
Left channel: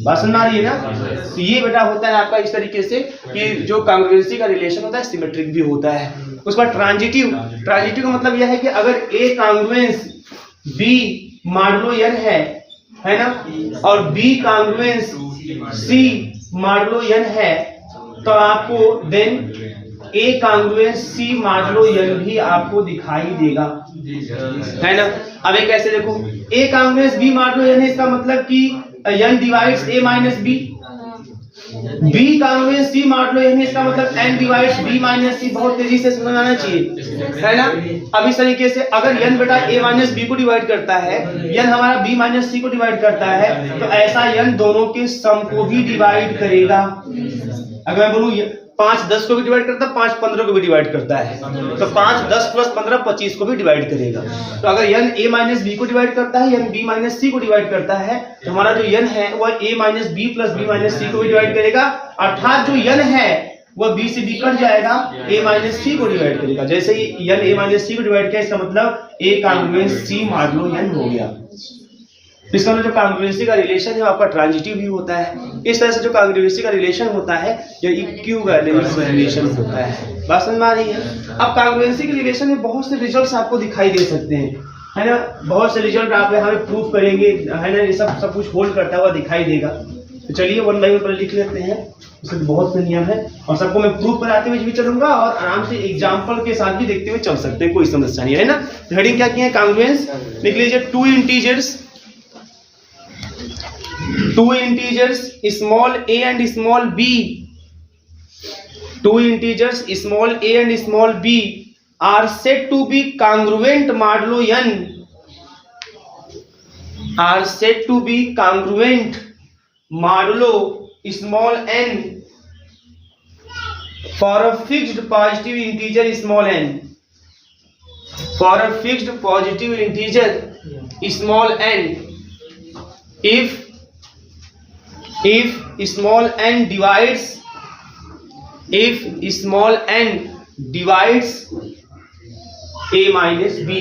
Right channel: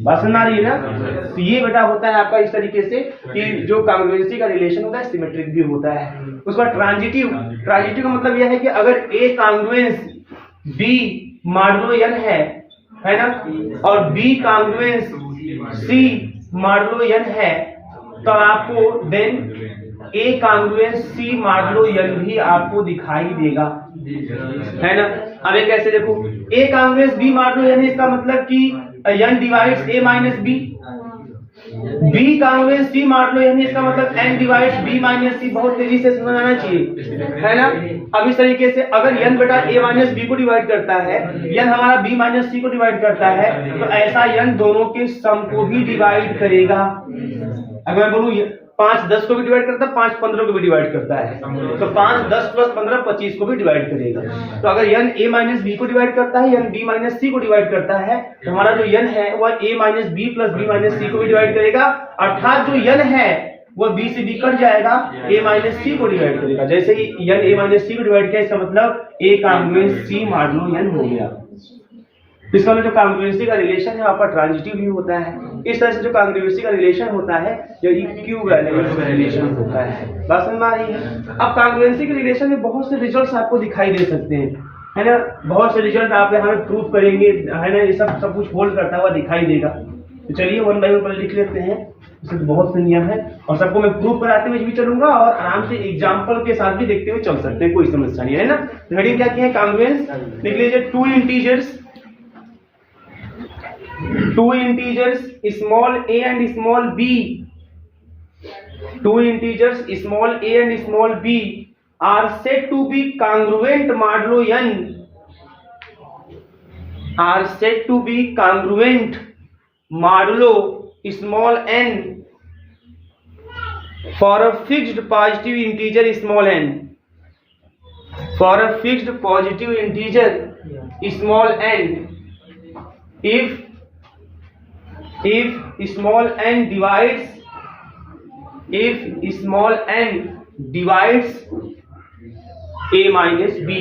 बात समझ आ रही है ना। तो ये बेटा होता है आपका इस तरीके से कि जो कांग्रुएंसी का रिलेशन होता है सिमेट्रिक भी होता है। उसके बाद ट्रांजिटिव का मतलब यह है कि अगर a congruence b modulo n है ना, और b congruence c modulo n है, तो आपको then a congruence c modulo n भी आपको दिखाई देगा, है ना। अब एक ऐसे देखो, a congruence b modulo n है, इसका मतलब कि n divides a minus b, b congruence c modulo n है, इसका मतलब n divides b minus c। बहुत तेजी से समझ आना चाहिए, है ना। अब इस तरीके से अगर n बेटा a माइनस b को डिवाइड करता है, n हमारा b माइनस c को डिवाइड करता है, तो ऐसा n दोनों के सम को भी डिवाइड करेगा। अगर मैं बोलूं 5 10 को भी डिवाइड करता है, 5 15 को भी डिवाइड करता है। तो 5 10 प्लस 15 25 को भी डिवाइड करेगा। तो अगर n a माइनस बी को डिवाइड करता है, n b माइनस सी को डिवाइड करता है, तो हमारा जो n है वह a minus b plus b minus c को भी डिवाइड करेगा। अर्थात जो n है वह b से b कट जाएगा, a माइनस सी को डिवाइड करेगा। जैसे ही n a माइनस सी को डिवाइड किया, इसका मतलब a congruence c modulo n हो गया। इसका मतलब जो कांग्रुएंसी का रिलेशन है वो आपका ट्रांजिटिव भी होता है। इस तरह से जो कांग्रुएंसी का रिलेशन होता है जो इक्विवेलेंस रिलेशन होता है। बात समझ में आ रही है? अब कांग्रुएंसी के रिलेशन में बहुत से रिजल्ट्स आपको दिखाई दे सकते हैं, है ना। बहुत से रिजल्ट आप यहाँ पे प्रूफ करेंगे, है ना। ये सब कुछ होल्ड करता हुआ दिखाई देगा। तो चलिए वन बाई वन पहले लिख लेते हैं। इसमें तो बहुत से नियम है और सबको मैं प्रूफ कराते हुए भी चलूंगा और आराम से एग्जाम्पल के साथ भी देखते हुए चल सकते हैं, कोई समस्या नहीं है ना। तो हेडिंग क्या की है? कांग्रुएंस। लिख लीजिए to integers small a and small b, two integers small a and small b are said to be congruent modulo n, are said to be congruent modulo small n for a fixed positive integer small n, for a fixed positive integer small n, if small n divides, if small n divides a minus b,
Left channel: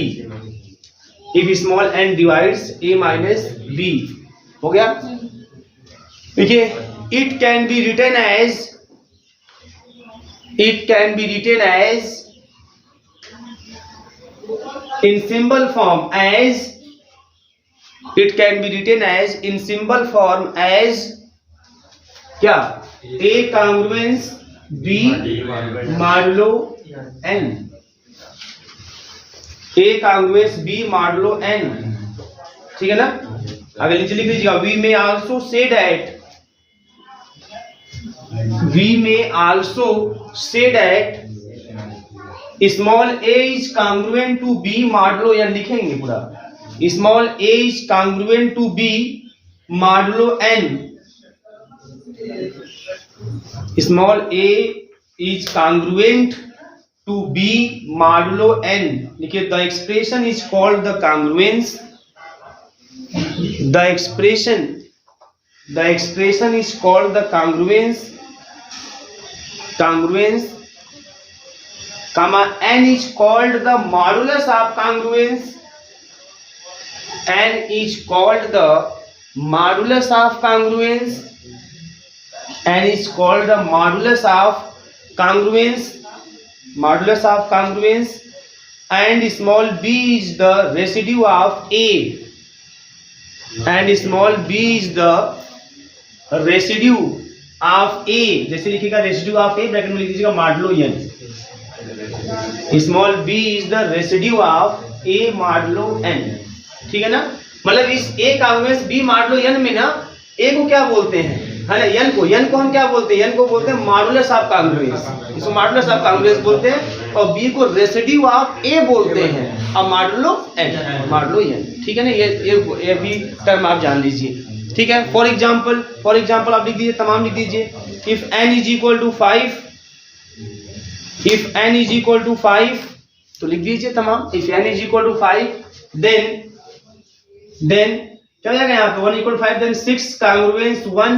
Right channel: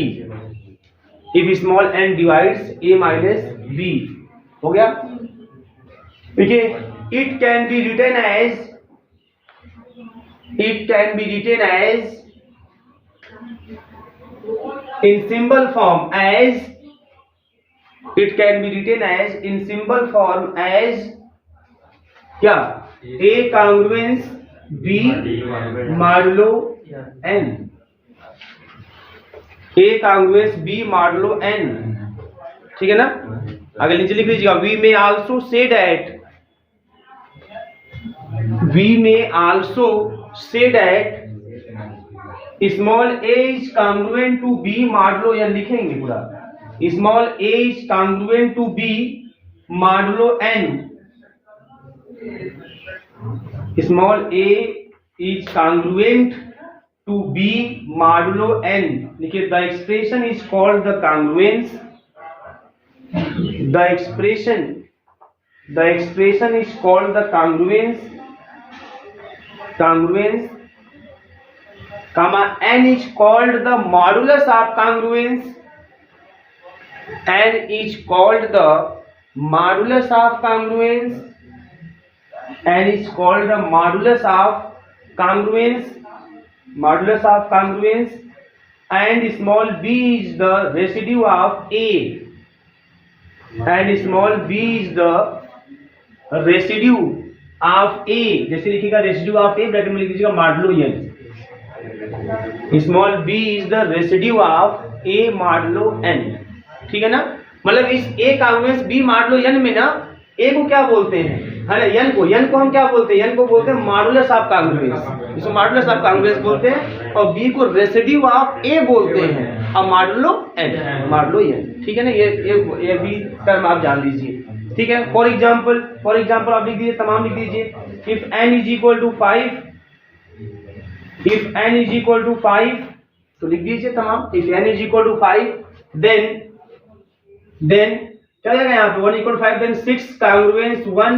if small n divides a minus b, हो गया। देखिए it can be written as, it can be written as in symbol form as, it can be written as in symbol form as क्या? a congruence b modulo n, a congruence b modulo n, ठीक है ना। अगर नीचे लिख लीजिएगा we may also say that, we may also say that small a is congruent to b modulo n, लिखेंगे पूरा। small a is congruent to b modulo n, small a is congruent to b modulo n। देखिए the expression is called the congruence, the expression is called the congruence, comma n is called the modulus of congruence, n is called the modulus of congruence, n is called the modulus of congruence, modulus of congruence, and small b is the residue of a, and small b is the residue of a। जैसे लिखिएगा residue of a, bracket में लिख दीजिएगा modulo n, small b is the residue of a modulo n, ठीक है ना। मतलब इस a congruence b modulo n में ना a को क्या बोलते हैं, है ना, n को हम क्या बोलते हैं? n को बोलते हैं मॉडुलस ऑफ कांग्रुएंस, इसको मॉडुलस ऑफ कांग्रुएंस बोलते हैं, और b को रेसिड्यू ऑफ a बोलते हैं, और मॉडुलो n, ठीक है ना। ये भी टर्म आप जान लीजिए, ठीक है। फॉर एग्जांपल आप लिख दीजिए, तमाम लिख दीजिए। If n is equal to 5, if n is equal to 5, तो लिख दीजिए तमाम। If n is equal to 5 then क्या हो जाएगा यहाँ पे 1 इक्वल 5, देन 6 कांग्रुएंस 1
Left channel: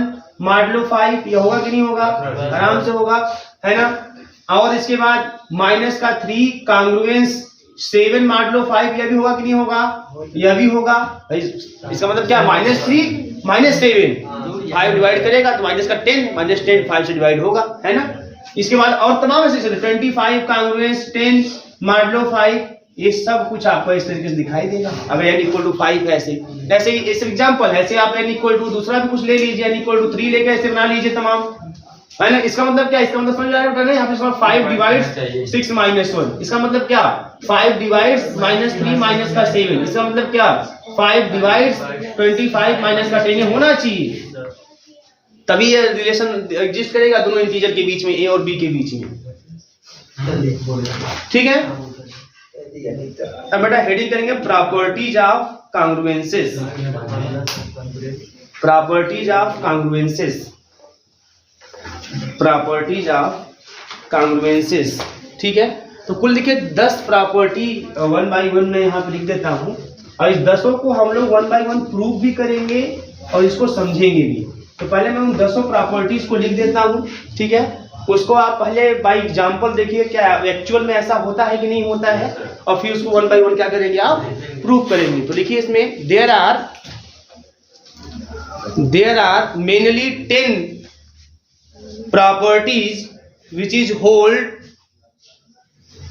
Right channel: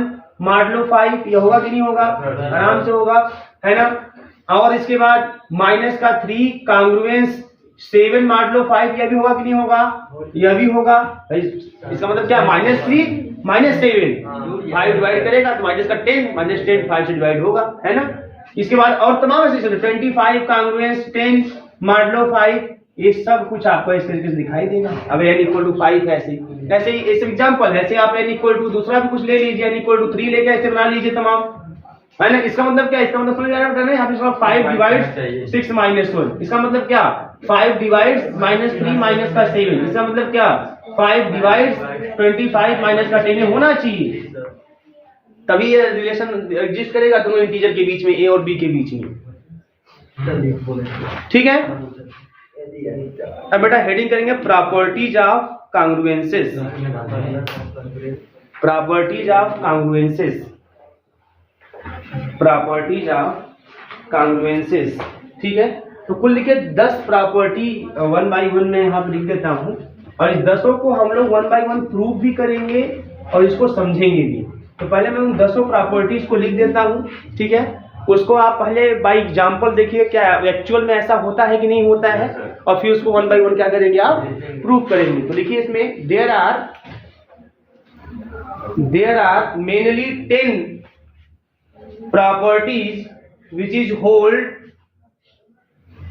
मॉडुलो 5, ये होगा कि नहीं होगा? आराम से होगा, है ना। और इसके बाद माइनस का 3 कांग्रुएंस 7 मॉडुलो 5, यह भी होगा कि नहीं होगा? यह भी होगा। इसका मतलब क्या? -3 -7, 5 डिवाइड करेगा तो माइनस का 10, -10 5 से डिवाइड होगा, है ना। इसके बाद और तमाम ऐसे 25 कांग्रुएंस 10 मॉडुलो 5, ये सब कुछ आपको इस तरीके से दिखाई देगा। अब n इक्वल टू 5 ऐसे ही ऐसे एग्जांपल, ऐसे आप n इक्वल टू दूसरा भी कुछ ले लीजिए, n इक्वल टू 3 लेके ऐसे बना लीजिए तमाम, है ना। इसका मतलब क्या? इसका मतलब समझ आ रहा है ना, यहाँ पे 5 डिवाइड्स 6 माइनस 1, इसका मतलब क्या? 5 डिवाइड्स -3 माइनस का 7, इसका मतलब क्या? 5 डिवाइड्स 25 माइनस का 10 होना चाहिए, तभी ये रिलेशन एग्जिस्ट करेगा दोनों इंटीजर के बीच में, a और b के बीच में, ठीक है। अब बेटा हेडिंग करेंगे properties of congruences, properties of congruences, properties of congruences, ठीक है। तो कुल देखिए 10 प्रॉपर्टी 1 by 1 में यहाँ पे लिख देता हूँ, और इस 10 को हम लोग 1 by 1 प्रूव भी करेंगे और इसको समझेंगे भी। तो पहले मैं उन 10 प्रॉपर्टीज को लिख देता हूँ, ठीक है। उसको आप पहले बाय एग्जांपल देखिए क्या एक्चुअल में ऐसा होता है कि नहीं होता है, और फिर उसको 1 by 1 क्या करेंगे आप प्रूव करेंगे। तो लिखिए इसमें there are mainly 10 properties which is hold,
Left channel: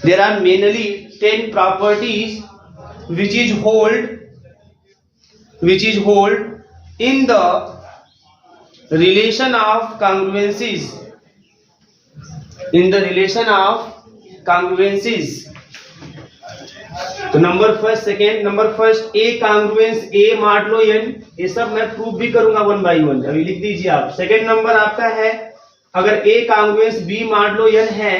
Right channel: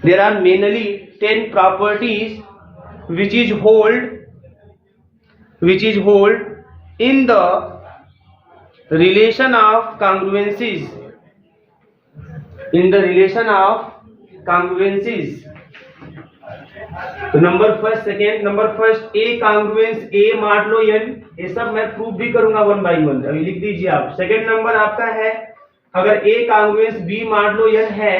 there are mainly 10 properties which is hold in the relation of congruencies, in the relation of congruencies। तो number first second, number first a congruence a modulo n, ये सब मैं prove भी करूंगा 1 by 1, अभी लिख दीजिए आप। सेकेंड नंबर आपका है अगर a congruence b modulo n है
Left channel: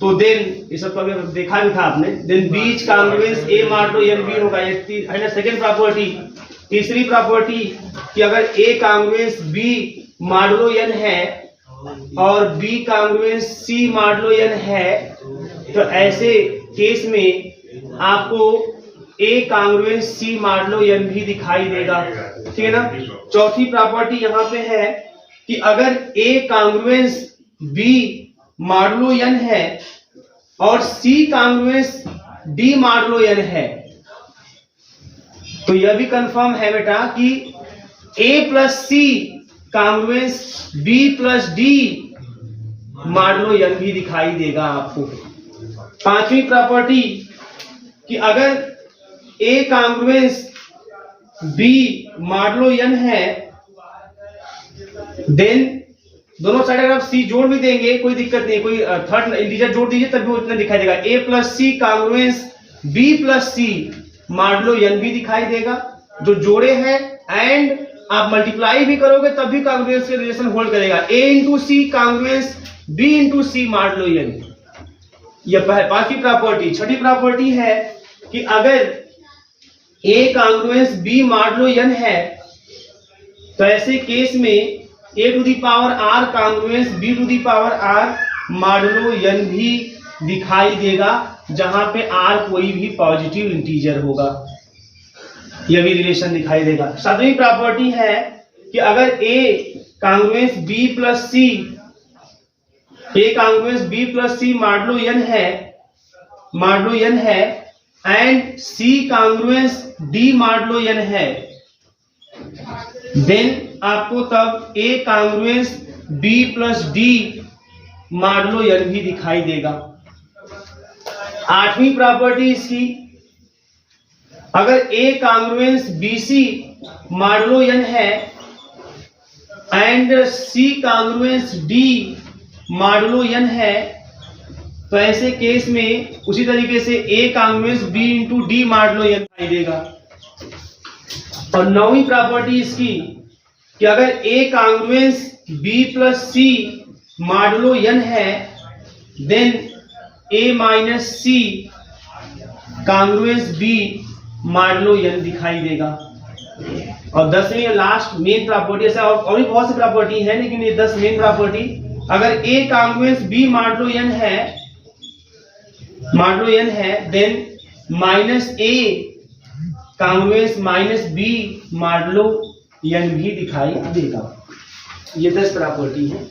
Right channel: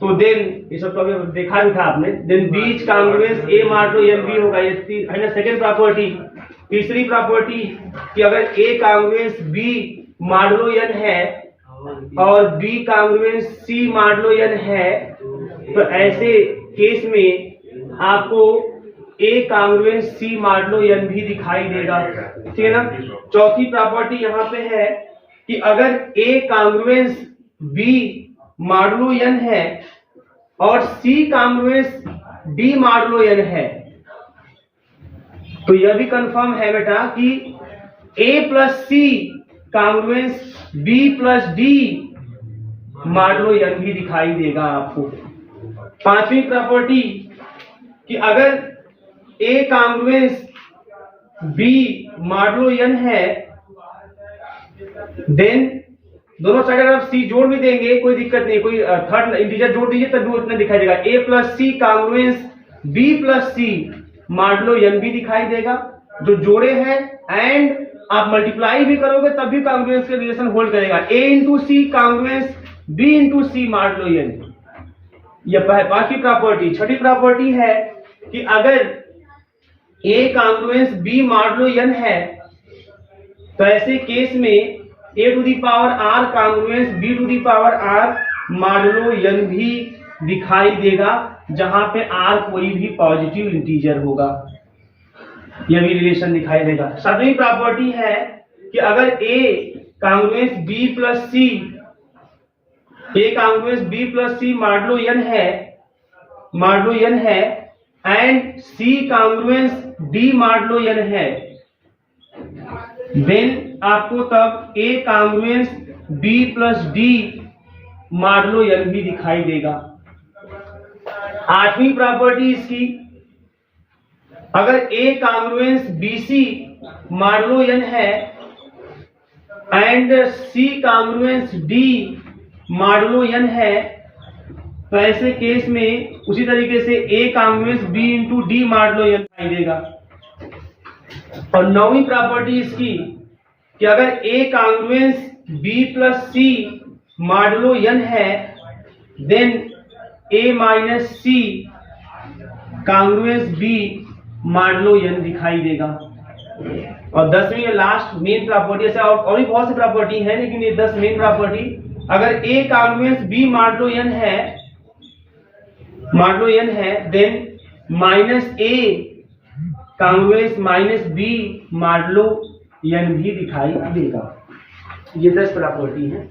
तो देन, ये सब कभी देखा भी था आपने, then b is congruence a modulo n भी होगा, ये है ना सेकेंड प्रॉपर्टी। तीसरी प्रॉपर्टी कि अगर a congruence b modulo n है और बी कांग्रुएंस सी मॉडुलो n है, तो ऐसे केस में आपको ए कांग्रुएंस सी मॉडुलो n भी दिखाई देगा, ठीक है ना। चौथी प्रॉपर्टी यहाँ पे है कि अगर a congruence b modulo n है और c congruence d modulo n है, तो यह भी कंफर्म है बेटा कि a plus c congruence b plus d modulo n भी दिखाई देगा आपको। पांचवी प्रॉपर्टी कि अगर a congruence b modulo n है, देन दोनों साइड अगर आप सी जोड़ भी देंगे कोई दिक्कत नहीं, कोई थर्ड इंटीजर जोड़ दीजिए तब भी उतना दिखाई देगा। ए plus c congruence b plus c modulo n भी दिखाई देगा, जो जोड़े हैं, एंड आप मल्टीप्लाई भी करोगे तब भी कांग्रुएंस के रिलेशन होल्ड करेगा। A into c congruence b into c modulo n, यह पांचवी प्रॉपर्टी। छठी प्रॉपर्टी है कि अगर a congruence b modulo n है तो ऐसे केस में a to the power r congruence b to the power r modulo n भी दिखाई देगा, जहां पे आर कोई भी पॉजिटिव इंटीजर होगा, यह भी रिलेशन दिखाई देगा। सातवीं प्रॉपर्टी है कि अगर a congruence b plus c, a congruence b plus c modulo n है and c congruence d modulo n है, देन आपको तब a congruence b plus d modulo n भी दिखाई देगा। आठवीं प्रॉपर्टी इसकी, अगर a congruence b c modulo n है and c congruence d modulo n है, तो ऐसे केस में उसी तरीके से a congruence b into d modulo n दिखाई देगा। और नौवीं प्रॉपर्टी इसकी कि अगर a congruence b plus c modulo n है, देन ए माइनस सी कांग्रुएंस बी मॉडुलो n दिखाई देगा। और 10वीं लास्ट मेन प्रॉपर्टी, ऐसा और भी बहुत सी प्रॉपर्टी है लेकिन ये 10 मेन प्रॉपर्टी, अगर a congruence b modulo n है, देन माइनस ए कांग्रुएंस माइनस बी मॉडुलो n भी दिखाई देगा। ये 10 प्रॉपर्टी है,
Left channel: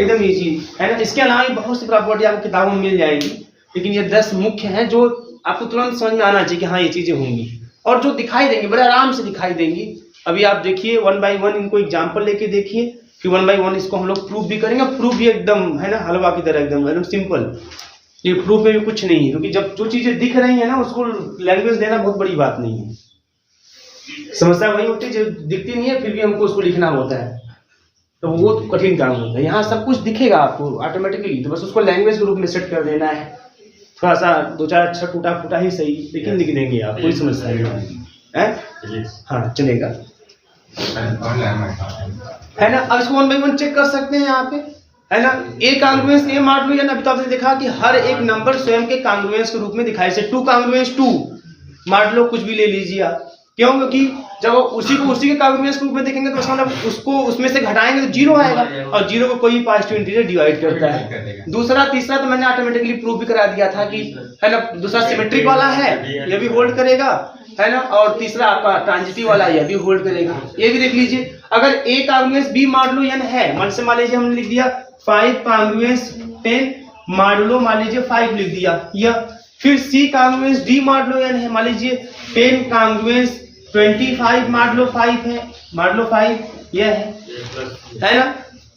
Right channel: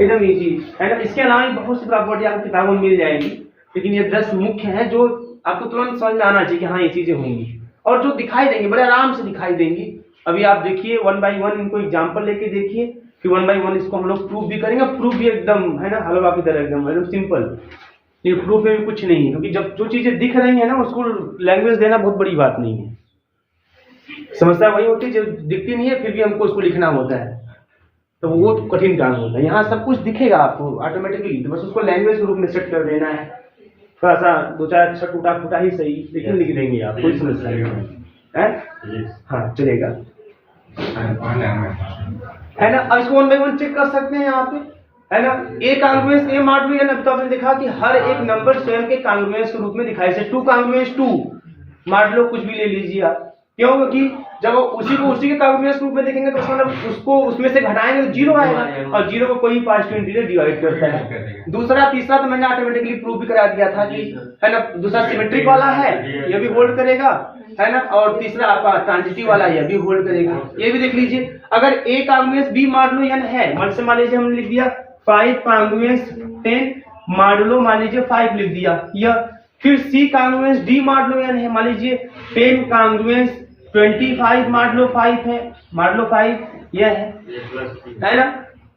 एकदम इजी है ना। इसके अलावा भी बहुत सी प्रॉपर्टी आपको किताबों में मिल जाएगी, लेकिन ये 10 मुख्य हैं जो आपको तुरंत समझ में आना चाहिए कि हाँ ये चीजें होंगी, और जो दिखाई देंगी बड़े आराम से दिखाई देंगी। अभी आप देखिए 1 by 1 इनको एग्जांपल लेके देखिए, फिर 1 by 1 इसको हम लोग प्रूफ भी करेंगे। प्रूफ भी एकदम है ना हलवा की तरह, एकदम सिंपल, ये प्रूफ में भी कुछ नहीं है, क्योंकि जब जो चीजें दिख रही है ना उसको लैंग्वेज देना बहुत बड़ी बात नहीं है। समस्या वही होती है जो दिखती नहीं है फिर भी हमको उसको लिखना होता है, तो वो कठिन काम होता है। यहाँ सब कुछ दिखेगा आपको ऑटोमेटिकली, तो बस उसको लैंग्वेज के रूप में सेट कर देना है। थोड़ा सा 2-4 अक्षर टूटा फूटा ही सही, लेकिन लिख देंगे आप, कोई समस्या नहीं है। हाँ चलेगा, है ना। अब इसको 1 by 1 चेक कर सकते हैं यहाँ पे, है ना। ए कांग्रुएंस ए मॉडुलो n, अब तो आपने देखा कि हर एक नंबर स्वयं के कांग्रुएंस के रूप में दिखाई से 2 कांग्रुएंस 2 मॉडुलो कुछ भी ले लीजिए आप, क्यों? क्योंकि जब उसी को उसी के कांग्रुएंस रूप में देखेंगे तो मतलब उसको उसमें से घटाएंगे तो जीरो आएगा, और जीरो को कोई पॉजिटिव इंटीजर डिवाइड करता है। दूसरा तीसरा तो मैंने ऑटोमेटिकली प्रूव भी करा दिया था कि है ना, दूसरा सिमेट्रिक वाला है, ये भी होल्ड करेगा, है ना, और तीसरा आपका ट्रांजिटिव वाला ये भी होल्ड करेगा। ये भी देख लीजिए, अगर a congruence b modulo n है, मान लीजिए हमने लिख दिया 5 कांग्रुएंस 10 मॉडुलो मान लीजिए 5 लिख दिया, या फिर सी कांग्रुएंस डी मॉडुलो n है, मान लीजिए 10 कांग्रुएंस 25 मॉडुलो 5 है, मॉडुलो 5 यह है ना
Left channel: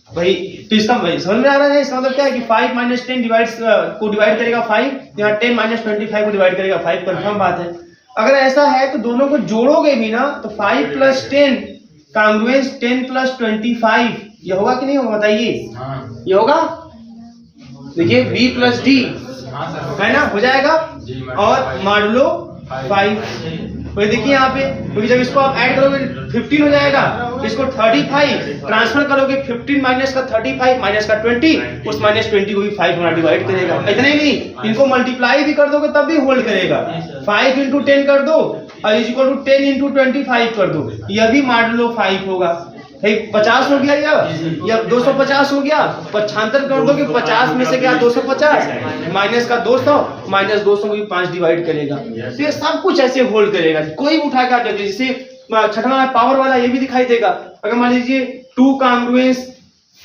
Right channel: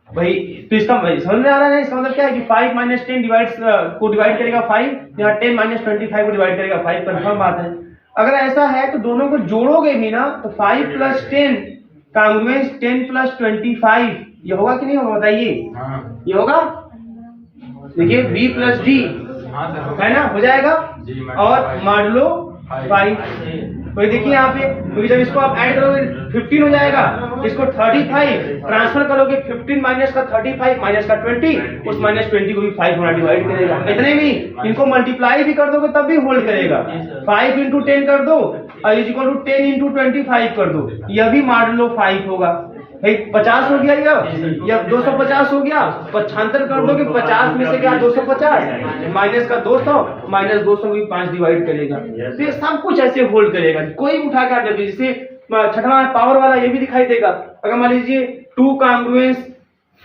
भाई। तो इसका समझ में आ रहा है, इसका मतलब क्या है कि 5 - 10 को डिवाइड करेगा 5, यहाँ 10 - 25 को डिवाइड करेगा 5, कंफर्म बात है। अगर ऐसा है तो दोनों को जोड़ोगे भी ना तो 5 + 10 कांग्रुएंस 10 + 25 ये होगा कि नहीं होगा बताइए? ये होगा, देखिए b + d है ना, हो जाएगा, और मॉडुलो 5। तो देखिए यहाँ पे, क्योंकि जब इसको आप ऐड करोगे 15 हो जाएगा, इसको 35 ट्रांसफर करोगे, 15 माइनस का 35 माइनस का 20, उस -20 को भी 5 होना डिवाइड करेगा। इतना ही नहीं, इनको मल्टीप्लाई भी कर दोगे तब भी होल्ड करेगा। 5 × 10 कर दो और इक्वल टू 10 × 25 कर दो, यह भी मॉडुलो 5 होगा। 50 हो गया या 250 हो गया, 75 कर दो कि 50 में से क्या 250 माइनस का 200 माइनस 200 को भी 5 डिवाइड करेगा। तो ये सब कुछ ऐसे होल्ड करेगा, कोई उठा के आ जाए। जैसे छठवां पावर वाला ये भी दिखाई देगा, अगर मान लीजिए 2 कांग्रुएंस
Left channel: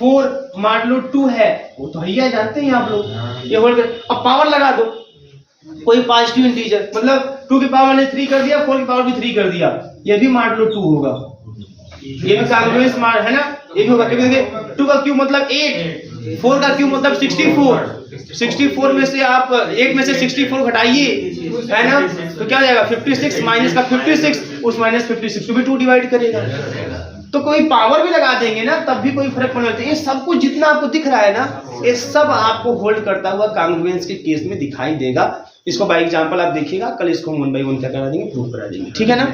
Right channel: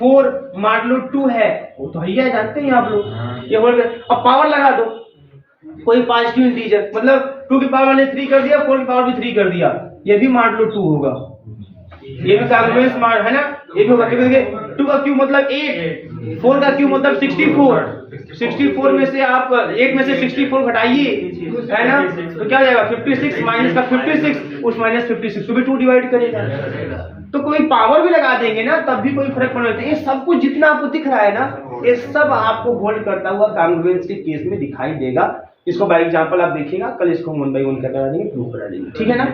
4 मॉडुलो 2 है, वो तो है जानते हैं आप लोग, ये होल्ड कर। अब पावर लगा दो कोई पॉजिटिव इंटीजर, मतलब 2 की पावर ने 3 कर दिया, 4 की पावर भी 3 कर दिया, ये भी मॉडुलो 2 होगा, ये भी कांग्रुएंस है ना, ये भी होगा। क्योंकि 2 का क्यूब मतलब 8, 4 का क्यूब मतलब 64 में से आप 8 में से 64 घटाइए, है ना, तो क्या हो जाएगा 56 माइनस का 56, उस -56 को भी 2 डिवाइड करेगा। तो कोई पावर भी लगा देंगे ना तब भी कोई फर्क नहीं पड़ता। ये सब कुछ जितना आपको दिख रहा है ना, ये सब आपको होल्ड करता हुआ कांग्रुएंस के केस में दिखाई देगा। इसको बाय एग्जांपल आप देखिएगा, कल इसको 1 by 1 क्या करा देंगे, प्रूव करा देंगे, ठीक है ना।